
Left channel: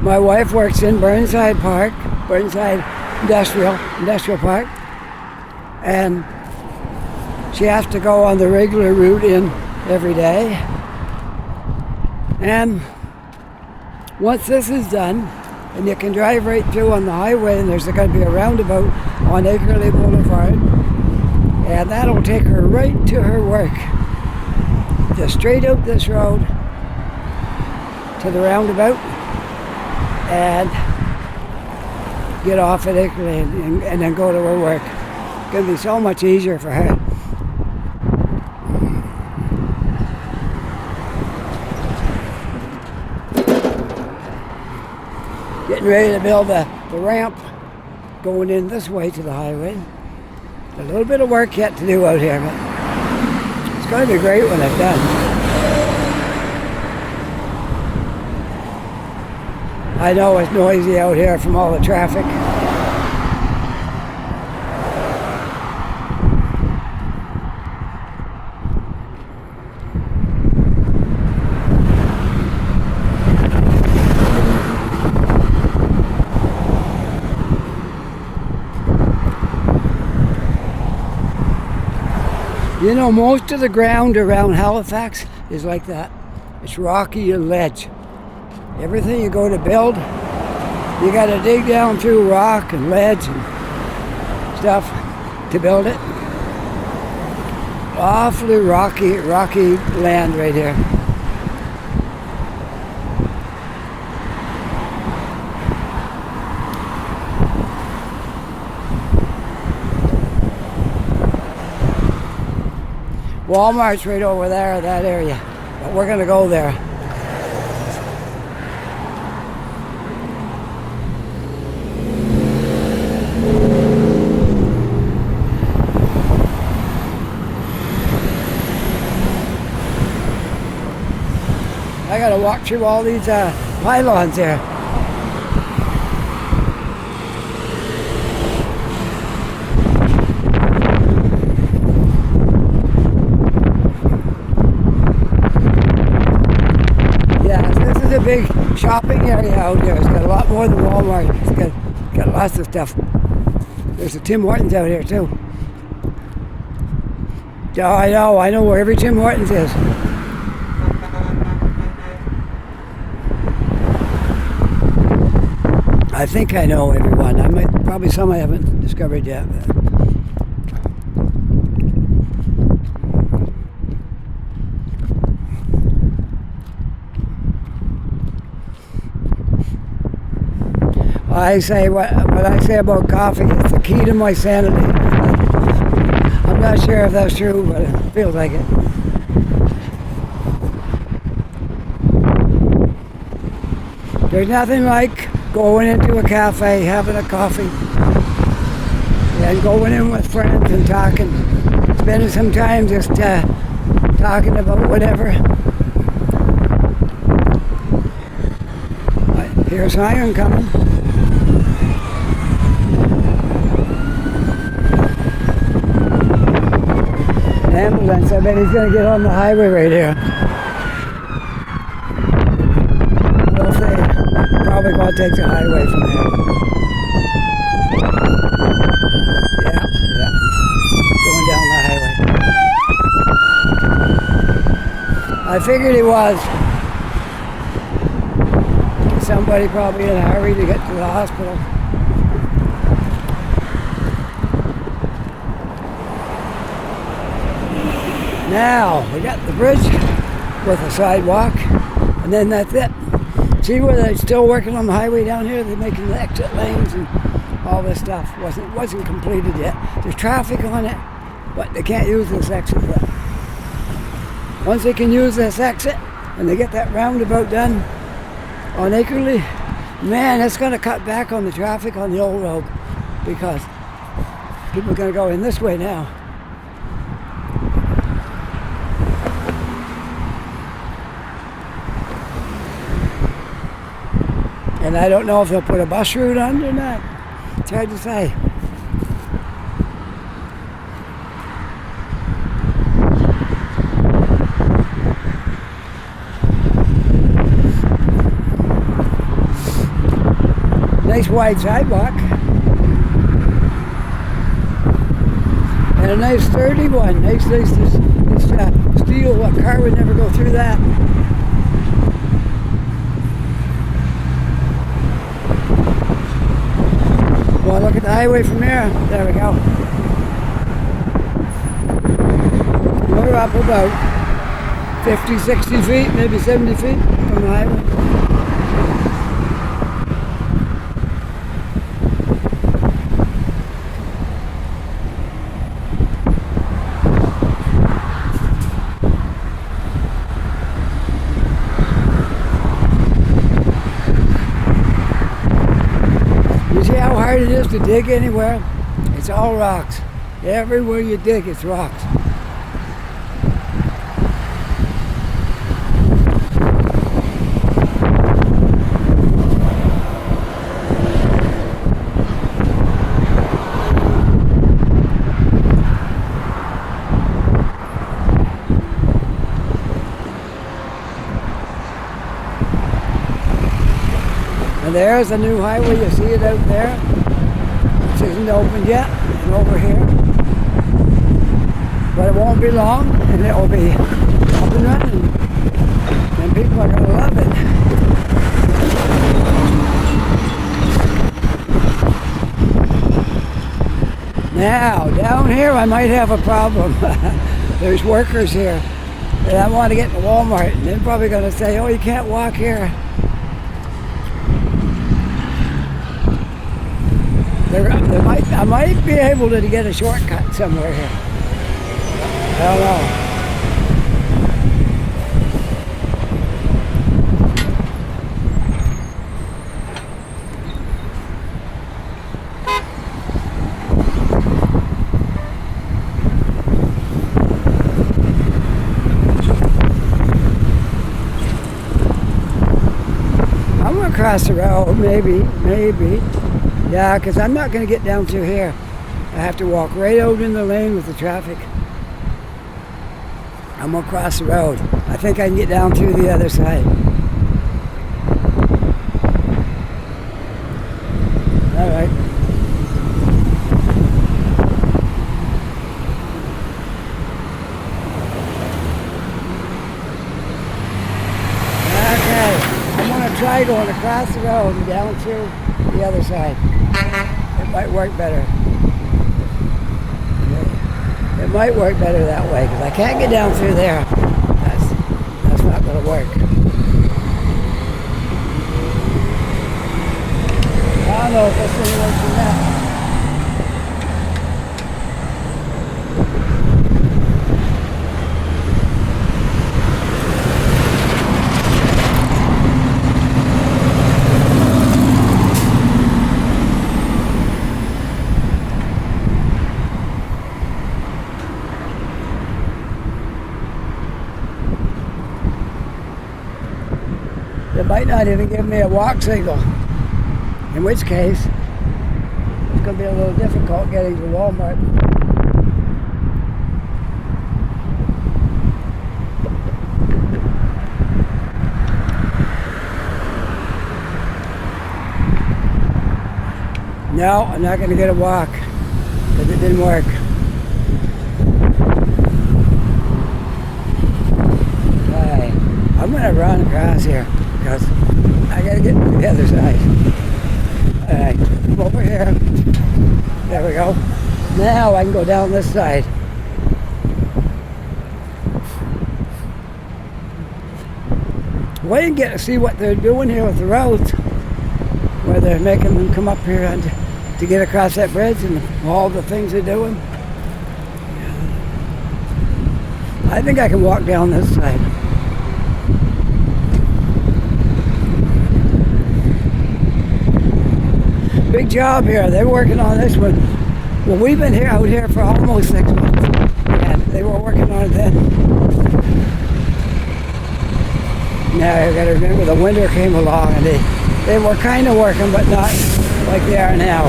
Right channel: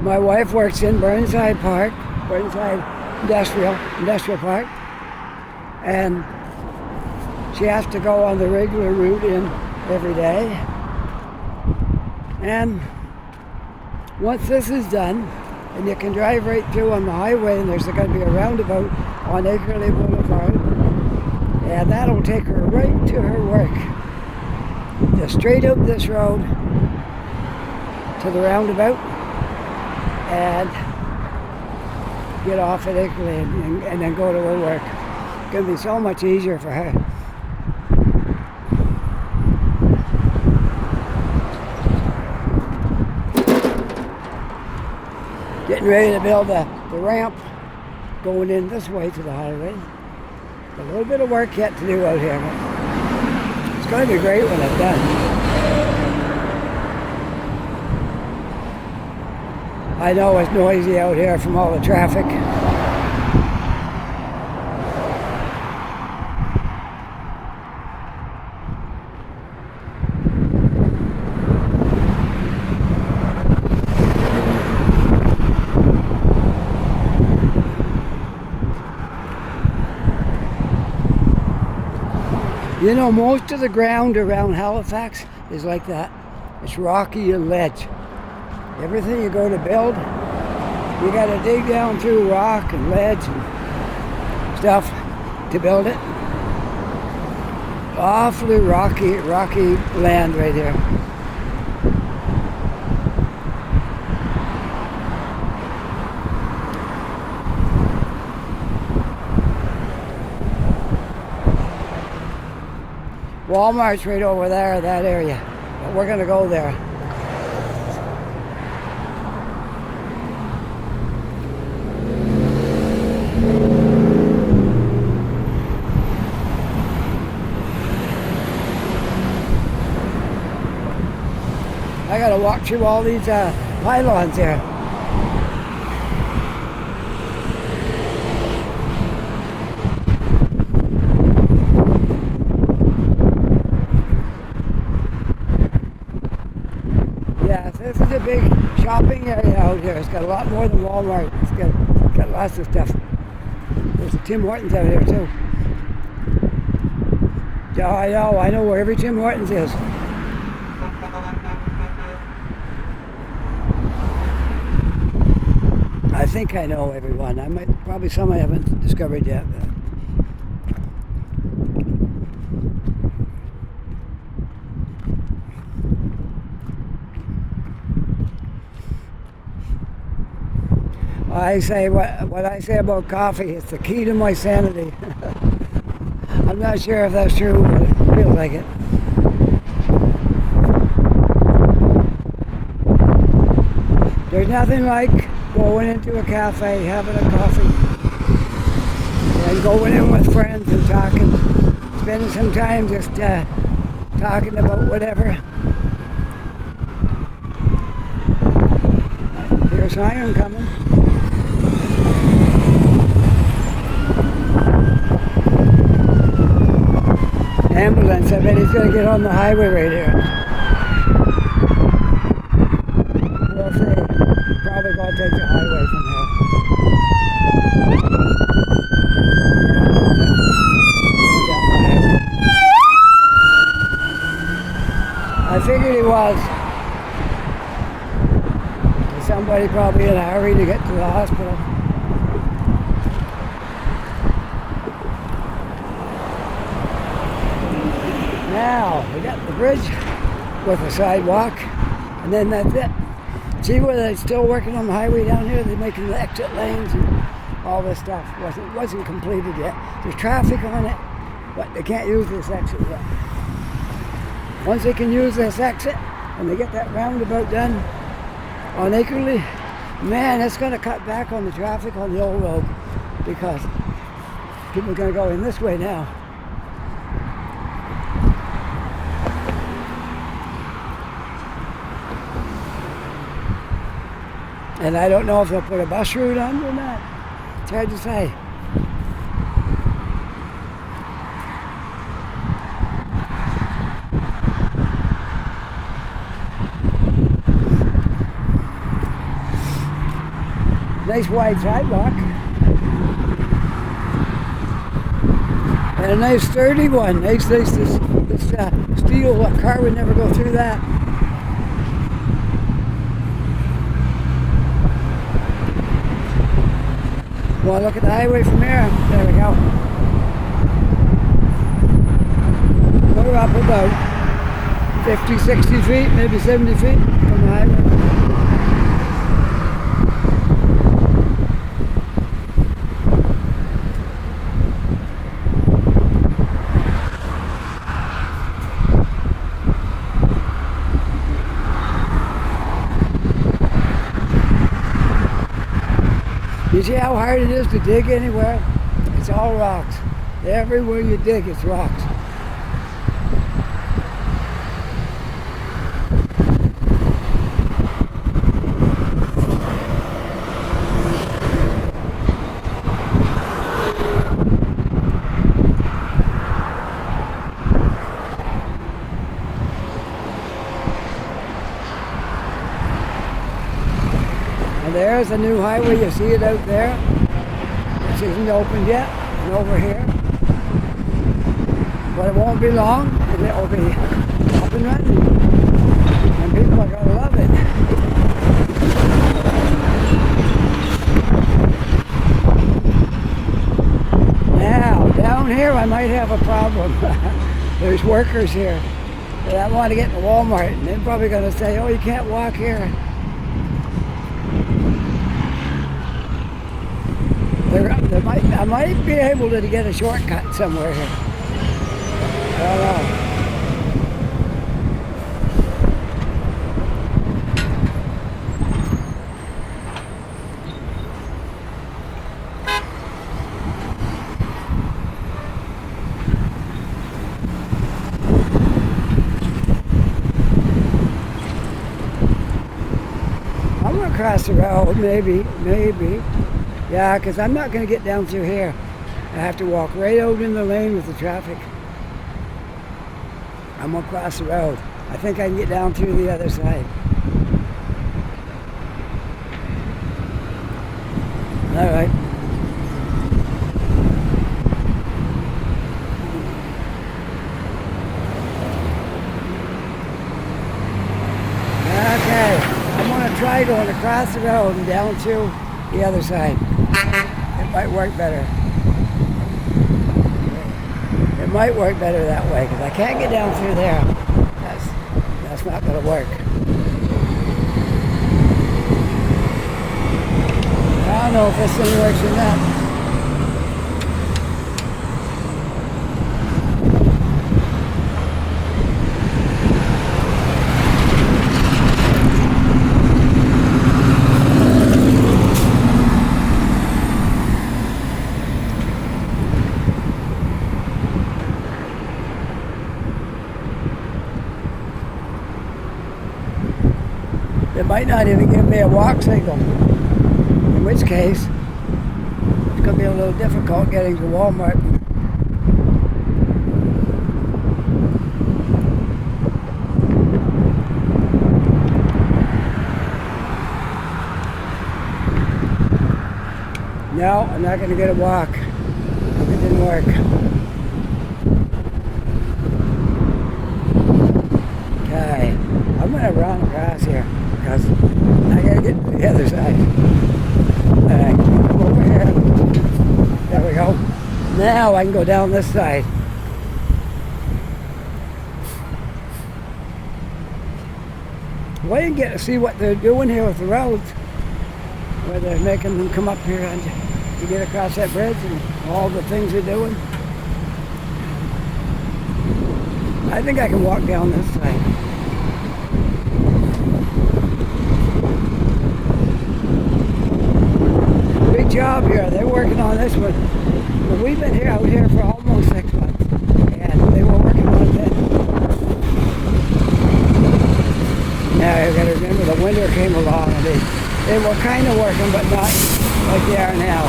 My wife works in Burnside Park, Burnside Industrial Park, and she has to go on the regular route in every day. And once this is done, and you can drive right through on the highway, and there's going to be a roundabout on Acreley Boulevard, and that'll take her right to her work. Just straight out this road to the roundabout and get off at Acreley and then go to her work. It's going to be so much easier for her. Getting ready to build the ramp going in this way to the highway. A little bit of work yet to do out here, but it's going to be great when it's done. I know it's noisy out here from all the traffic. You know, most of the ground around Halifax is like that. It's rocky and ledge. Everything you go to build, you got to dig down through rock and ledge and stuff to build it. Awfully rocky land right here. Walmart's right over there, that area, but we're going to go there. walk through all these pylons there. Yeah, this is a big shopping area out here. It's got a lot more than Walmart. It's got lots of stuff. There's a Tim Hortons out here too. Oh, I know where every Tim Hortons is. I think I know everyone. Probably some I haven't discovered yet. I say what I say about coffee is the key to my sanity. I'm not sure if that's true, but it feels like it. There's nothing like going into a cafe, having a coffee, and going in with friends and talking, spending some time just talking about whatever. Here's Iron coming. Ambulance, I bet he's going to get on the highway right here. We'll see. Probably going to take the highway from here. Yeah. Going down the highway. I figured he was. Somebody probably in a hurry to get to the hospital. Now, they got the bridge with a sidewalk, and then that's it. See where they're still working on the highway down here? They're making the exit lanes and all this stuff. Wasn't completed yet. There's traffic on it, but they can't use this exit yet. Once they can use this exit, and they get that roundabout done on Acreley, man, it's going to cut back on the traffic on the old road, because people are going to go in this way now. And I don't know if they'll put a bus route on or not. It's hard to say. Nice wide sidewalk. And a nice sturdy one. Nice this steel, a car would never go through that. Well, look at the highway from here. There we go. We're up about 50, 60 feet, maybe 70 feet from the highway. You see how hard it is to dig anywhere? It's all rocks. Everywhere you dig, it's rocks. And there's the new highway, you see it out there. It isn't open yet, and over here. But it won't be long, and it'll be up and running. And people are going to love it. Now, down here I might have a problem. There's workers here. And I want to get to Walmart, and they're probably going to say, oh, you can't walk here. I might be able to get a shortcut somewhere here. I don't know. across the road, maybe. Yeah, because I'm not going to get down through here. I have to walk right out in the lane with the traffic. I'm going to cross the road. I think I can get down through the other side. All right. Okay, I'm going to try going across the road and down to the other side. It might work better. It might work better that way because I can't get down through there. That's not going to work. I don't know if this thing works or not. It might not even give me a walk signal, in which case it's going to be a little difficult getting to Walmart. No, I'm not going to get a walk because it didn't work. Okay, I'm going to run across here because I gotta get to the other side. Alright, come over here. There we go. Now I can go down this side. Well, you get to see what they're doing here with the roads, where they're making them come up here and to get across that bridge and all the things they're doing. I think I can walk down this side. Big job here. They're working on this one. Well, we've been out here for almost 6 months, and they were working on it then. Now I got to remember the winter came along, and they were kind of working, but not like they are now.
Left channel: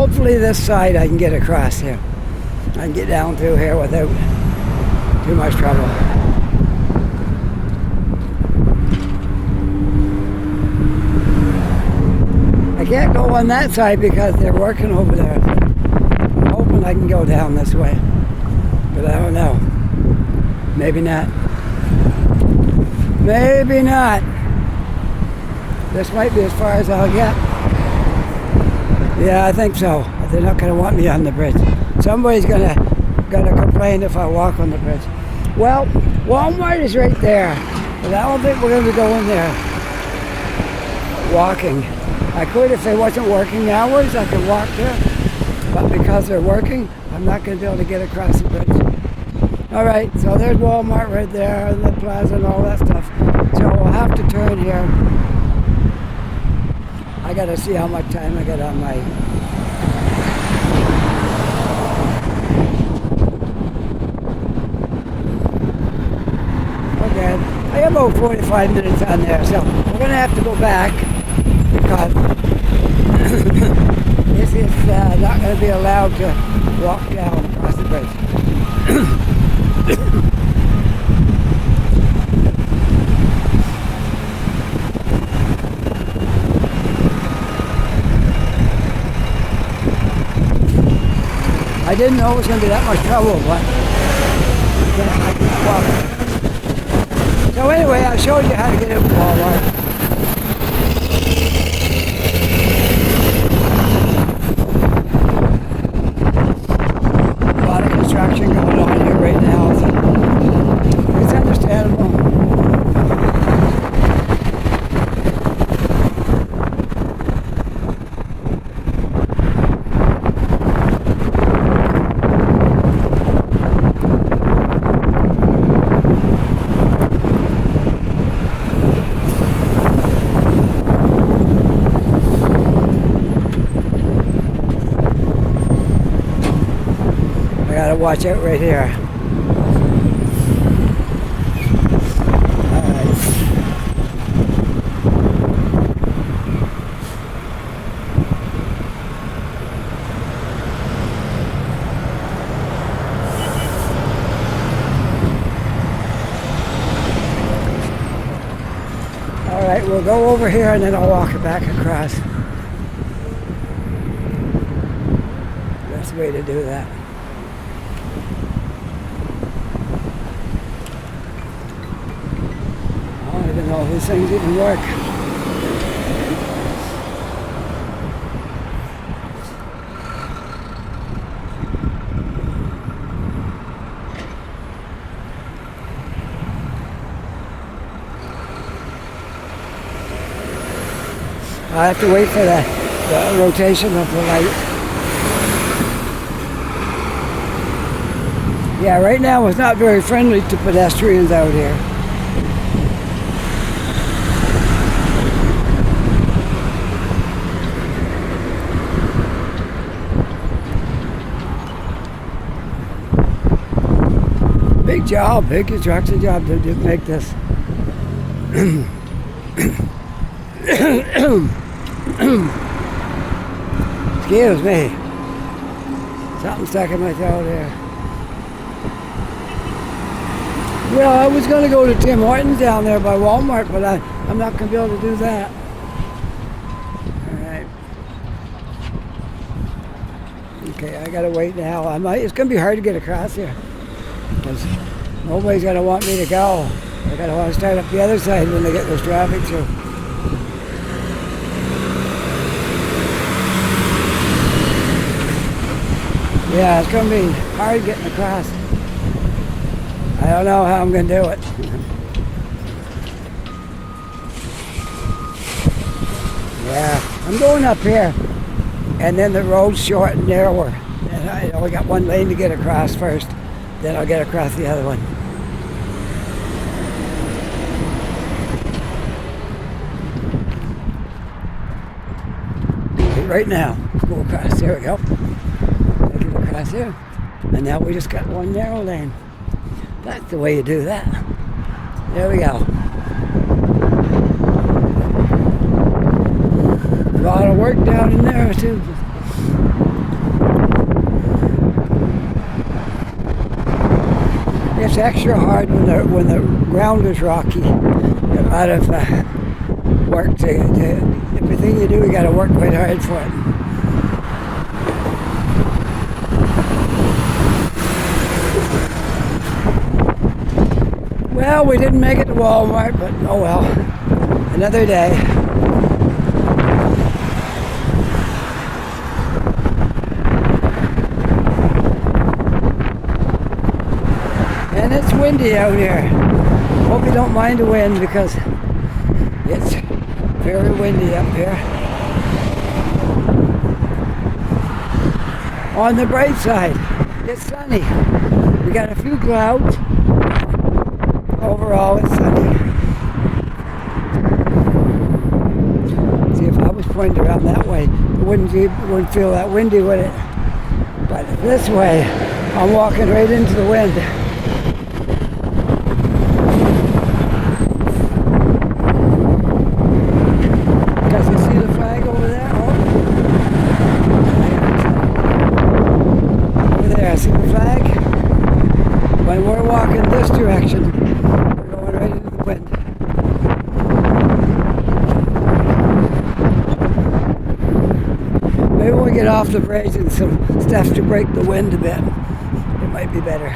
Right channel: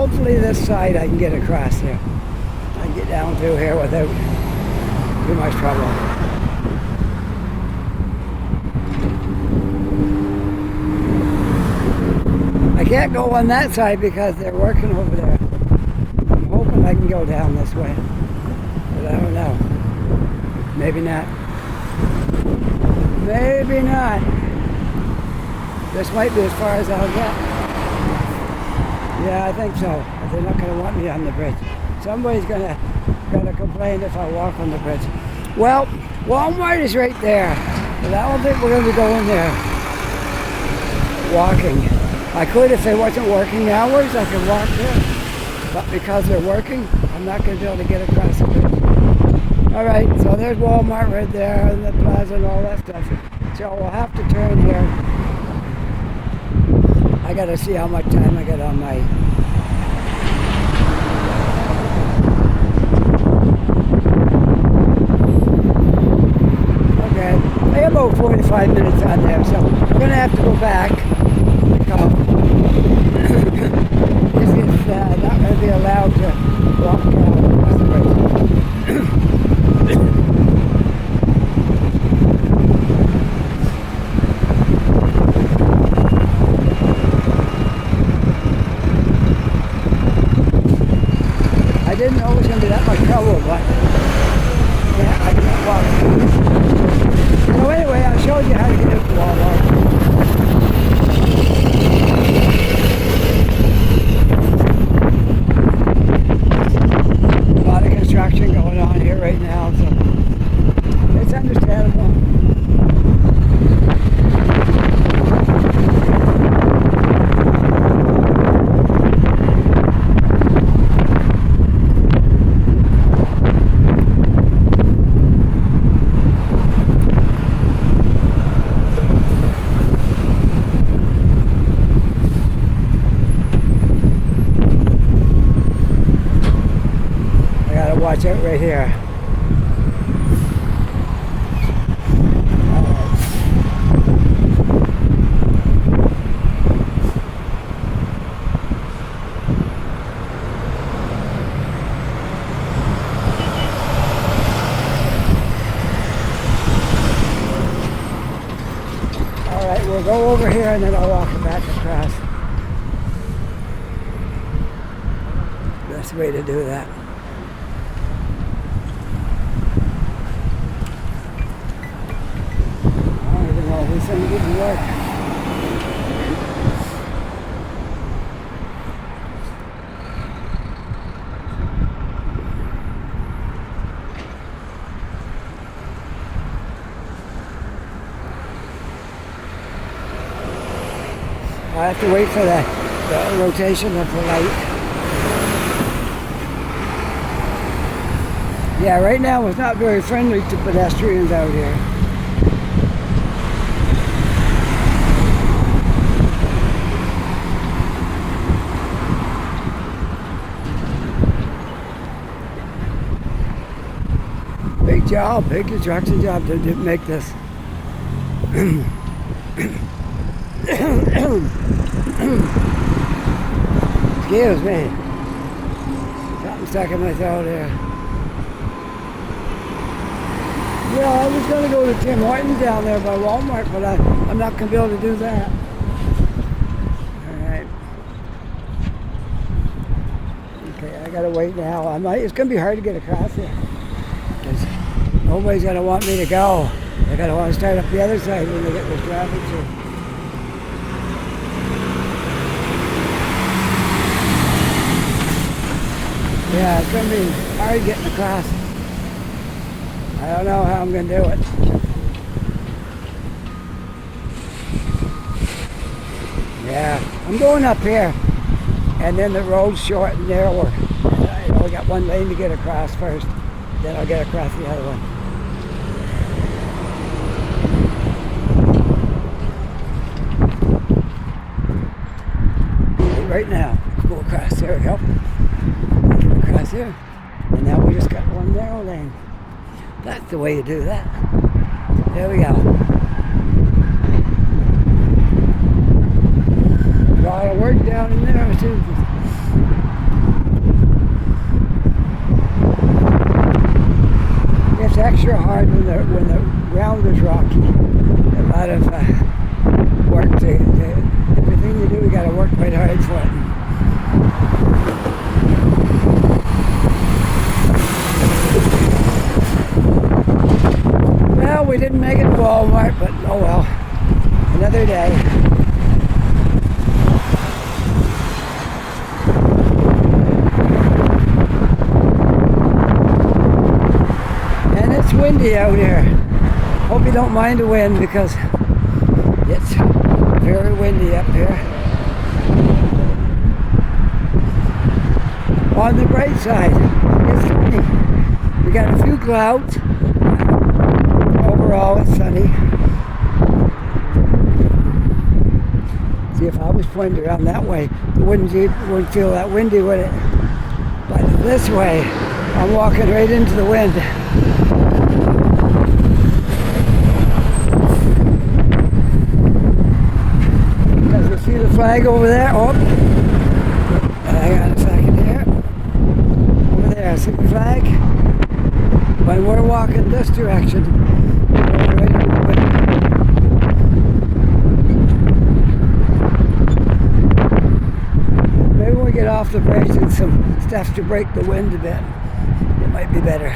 Hopefully this side I can get across here. I can get down through here without too much trouble. I can't go on that side because they're working over there. I'm hoping I can go down this way, but I don't know. Maybe not. Maybe not. This might be as far as I'll get. Yeah, I think so. But they're not going to want me on the bridge. Somebody's gonna complain if I walk on the bridge. Well, Walmart is right there, but I don't think we're going to go in there walking. I could if they wasn't working hours. I could walk there, but because they're working, I'm not going to be able to get across the bridge. All right, so there's Walmart right there, and the plaza and all that stuff. So we'll have to turn here. I gotta see how much time I got on my... Okay, I have about 45 minutes on there, so we're gonna have to go back because this is not gonna be allowed to walk down across the bridge. I didn't know it was going to be that much trouble, but I can't walk. So anyway, I showed you how to get into Walmart. A lot of construction going on here right now, so it's understandable. Gotta watch out right here. Alright, we'll go over here and then I'll walk it back across. That's the way to do that. I don't even know if this thing didn't work. I have to wait for the rotation of the light. Yeah, right now it's not very friendly to pedestrians out here. Big job, big construction job to make this. Excuse me. Something stuck in my throat here. Yeah, I was going to go to Tim Hortons down there by Walmart, but I'm not going to be able to do that. Alright. Okay, I got to wait now. It's going to be hard to get across here. Because nobody's going to want me to go. They're going to want to start up the other side when they get this traffic through. Yeah, it's going to be hard getting across. I don't know how I'm going to do it. Yeah, I'm going up here, and then the road's short and narrower. And I only got one lane to get across first, then I'll get across the other one. Right now, go across. There we go. Get across here, and now we just got one narrow lane. That's the way you do that. There we go. A lot of work down in there too. It's extra hard when the ground is rocky. A lot of work to everything you do, you got to work quite hard for it. Well, we didn't make it to Walmart, but oh well. Another day. And it's windy out here. Hope you don't mind the wind because it's very windy up here. On the bright side, it's sunny. We got a few clouds. Overall, it's sunny. See, if I was pointed around that way, it wouldn't feel that windy, would it? But this way, I'm walking right into the wind. Does you see the flag over there? Oh, hang on a second here. Over there, see the flag? When we're walking this direction, we're going right into the wind. Maybe when we get off the bridge and some stuff to break the wind a bit, it might be better.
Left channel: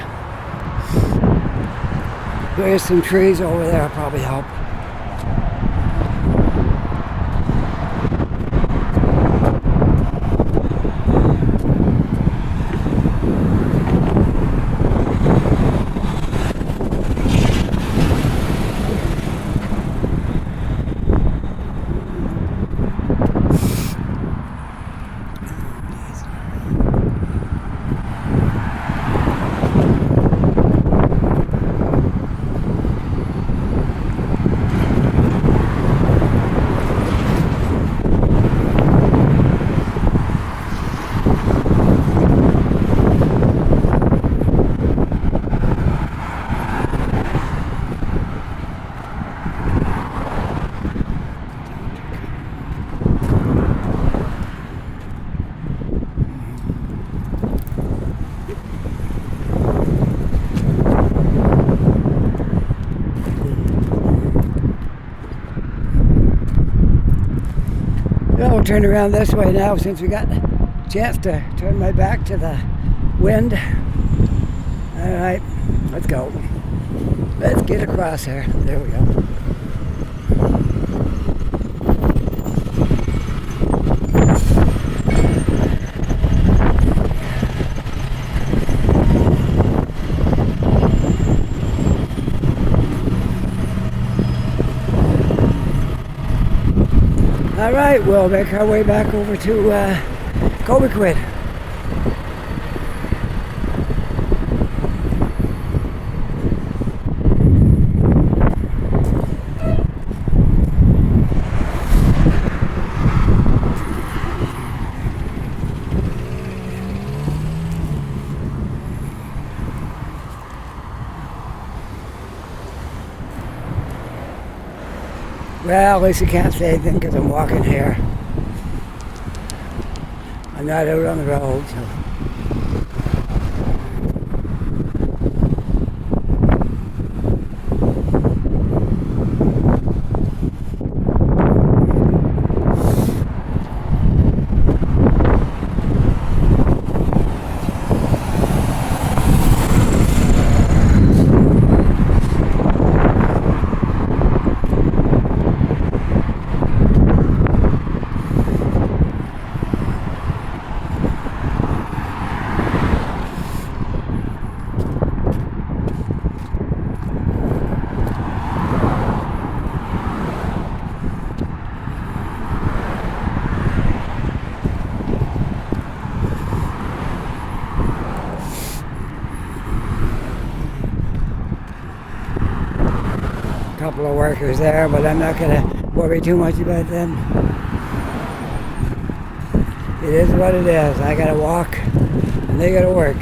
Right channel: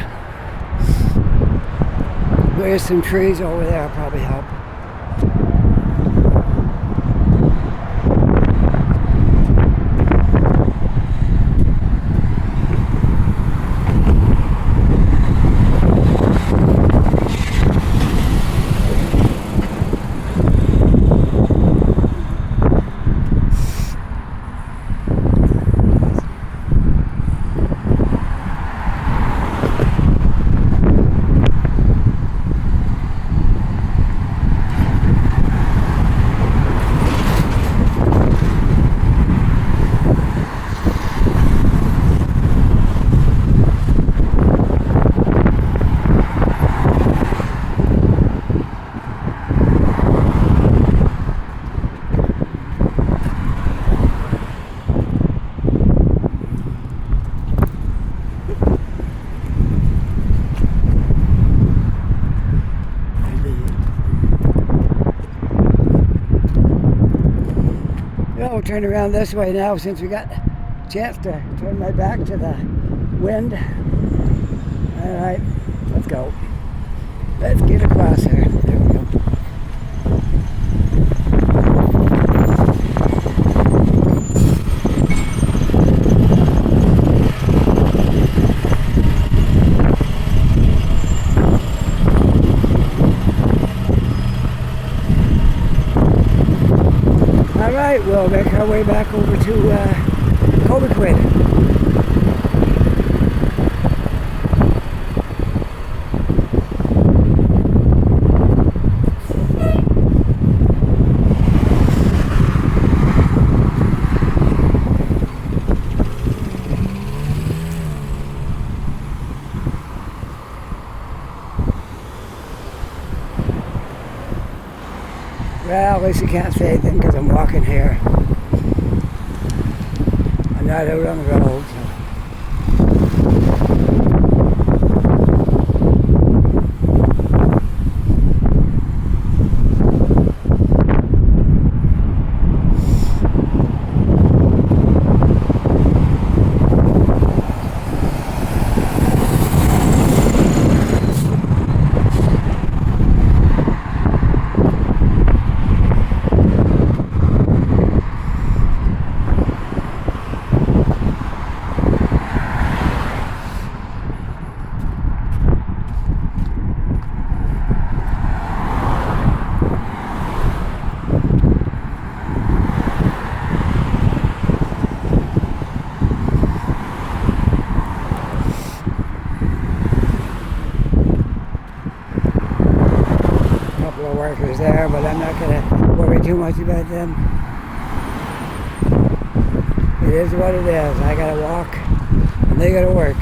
There's some trees over there, probably help. turn around this way now since we got a chance to turn my back to the wind. All right, let's go. Let's get across here. There we go. All right, we'll make our way back over to Cobequid. Well, at least I can't say anything because I'm walking here. I'm not out on the road, so. Couple of workers there, but I'm not going to worry too much about them. It is what it is. I got to walk and they got to work.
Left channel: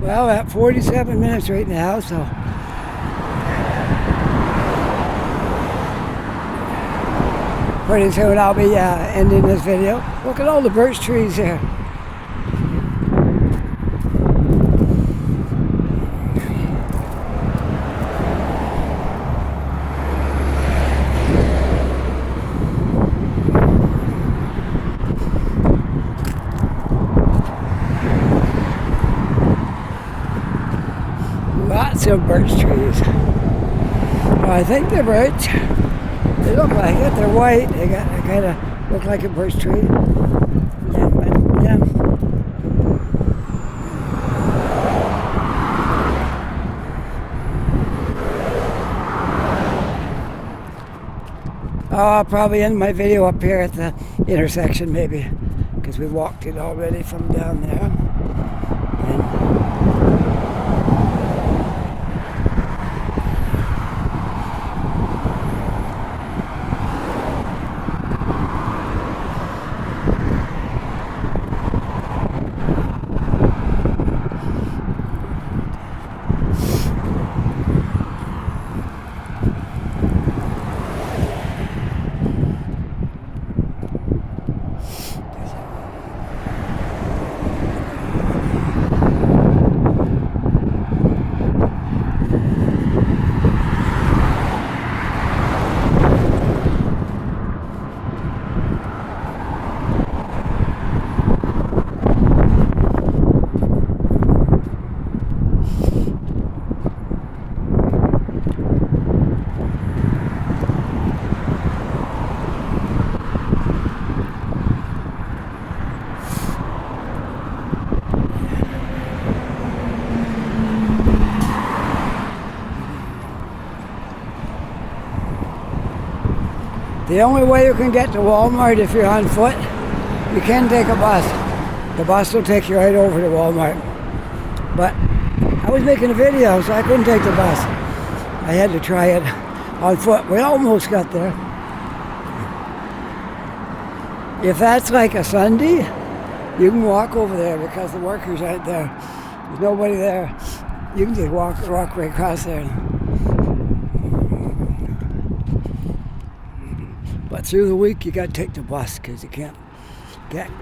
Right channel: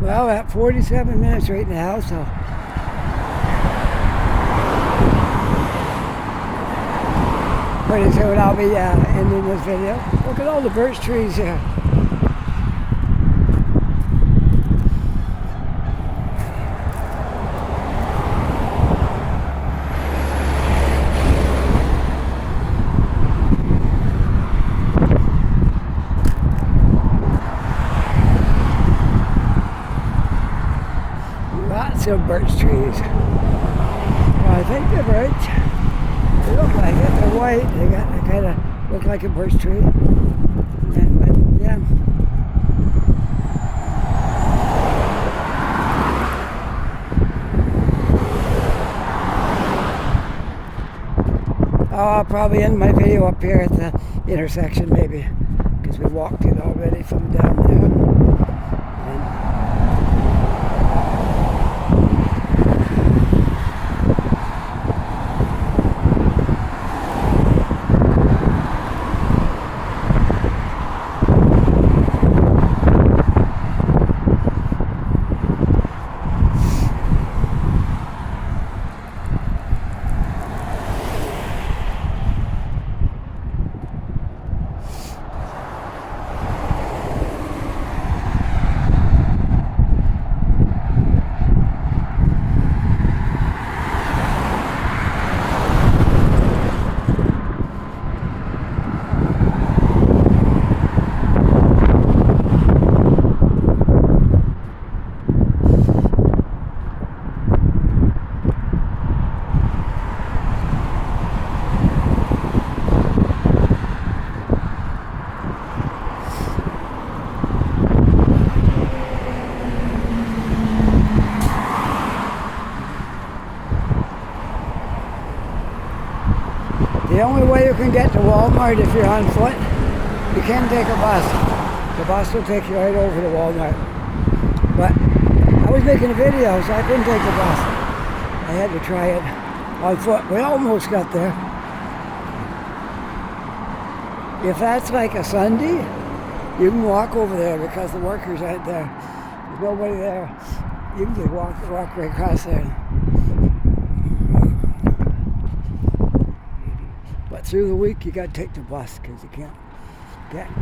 Well, at 47 minutes right now, so pretty soon I'll be ending this video. Look at all the birch trees here. Lots of birch trees. Well, I think they're birch. They look like it. They're white. They kind of look like a birch tree. Yeah. I'll probably end my video up here at the intersection maybe, because we walked it already from down there. The only way you can get to Walmart if you're on foot, you can take a bus. The bus will take you right over to Walmart. But I was making a video, so I couldn't take the bus. I had to try it on foot. We almost got there. If that's like a Sunday, you can walk over there because the workers aren't there. There's nobody there. You can just walk right across there. But through the week, you got to take the bus because you can't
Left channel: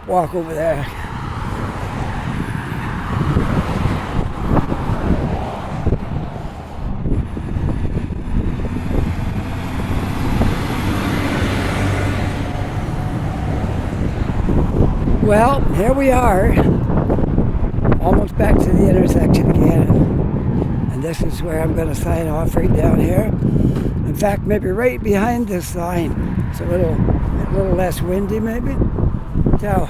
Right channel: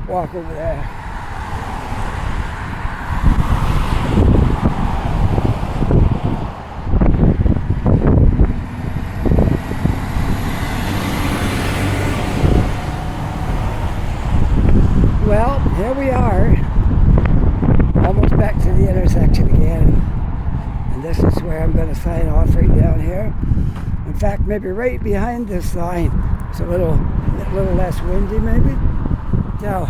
walk over there. Well, here we are, almost back to the intersection again, and this is where I'm going to sign off right down here. In fact, maybe right behind this sign. It's a little less windy, maybe. So,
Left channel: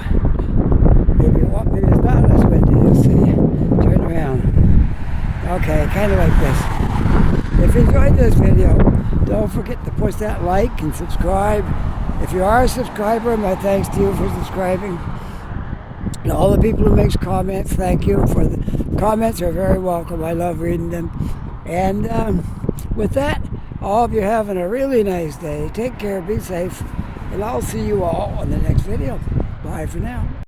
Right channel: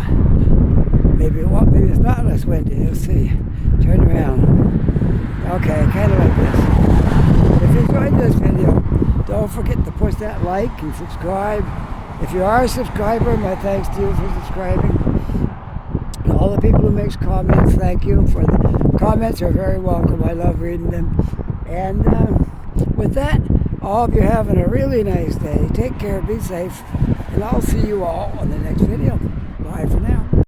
maybe it's not less windy. You'll see. Turn around. Okay, kind of like this. If you enjoyed this video, don't forget to push that like and subscribe. If you are a subscriber, my thanks to you for subscribing. And all the people who make comments, thank you. For the comments are very welcome. I love reading them. And with that, I hope you're having a really nice day. Take care, be safe, and I'll see you all on the next video. Bye for now.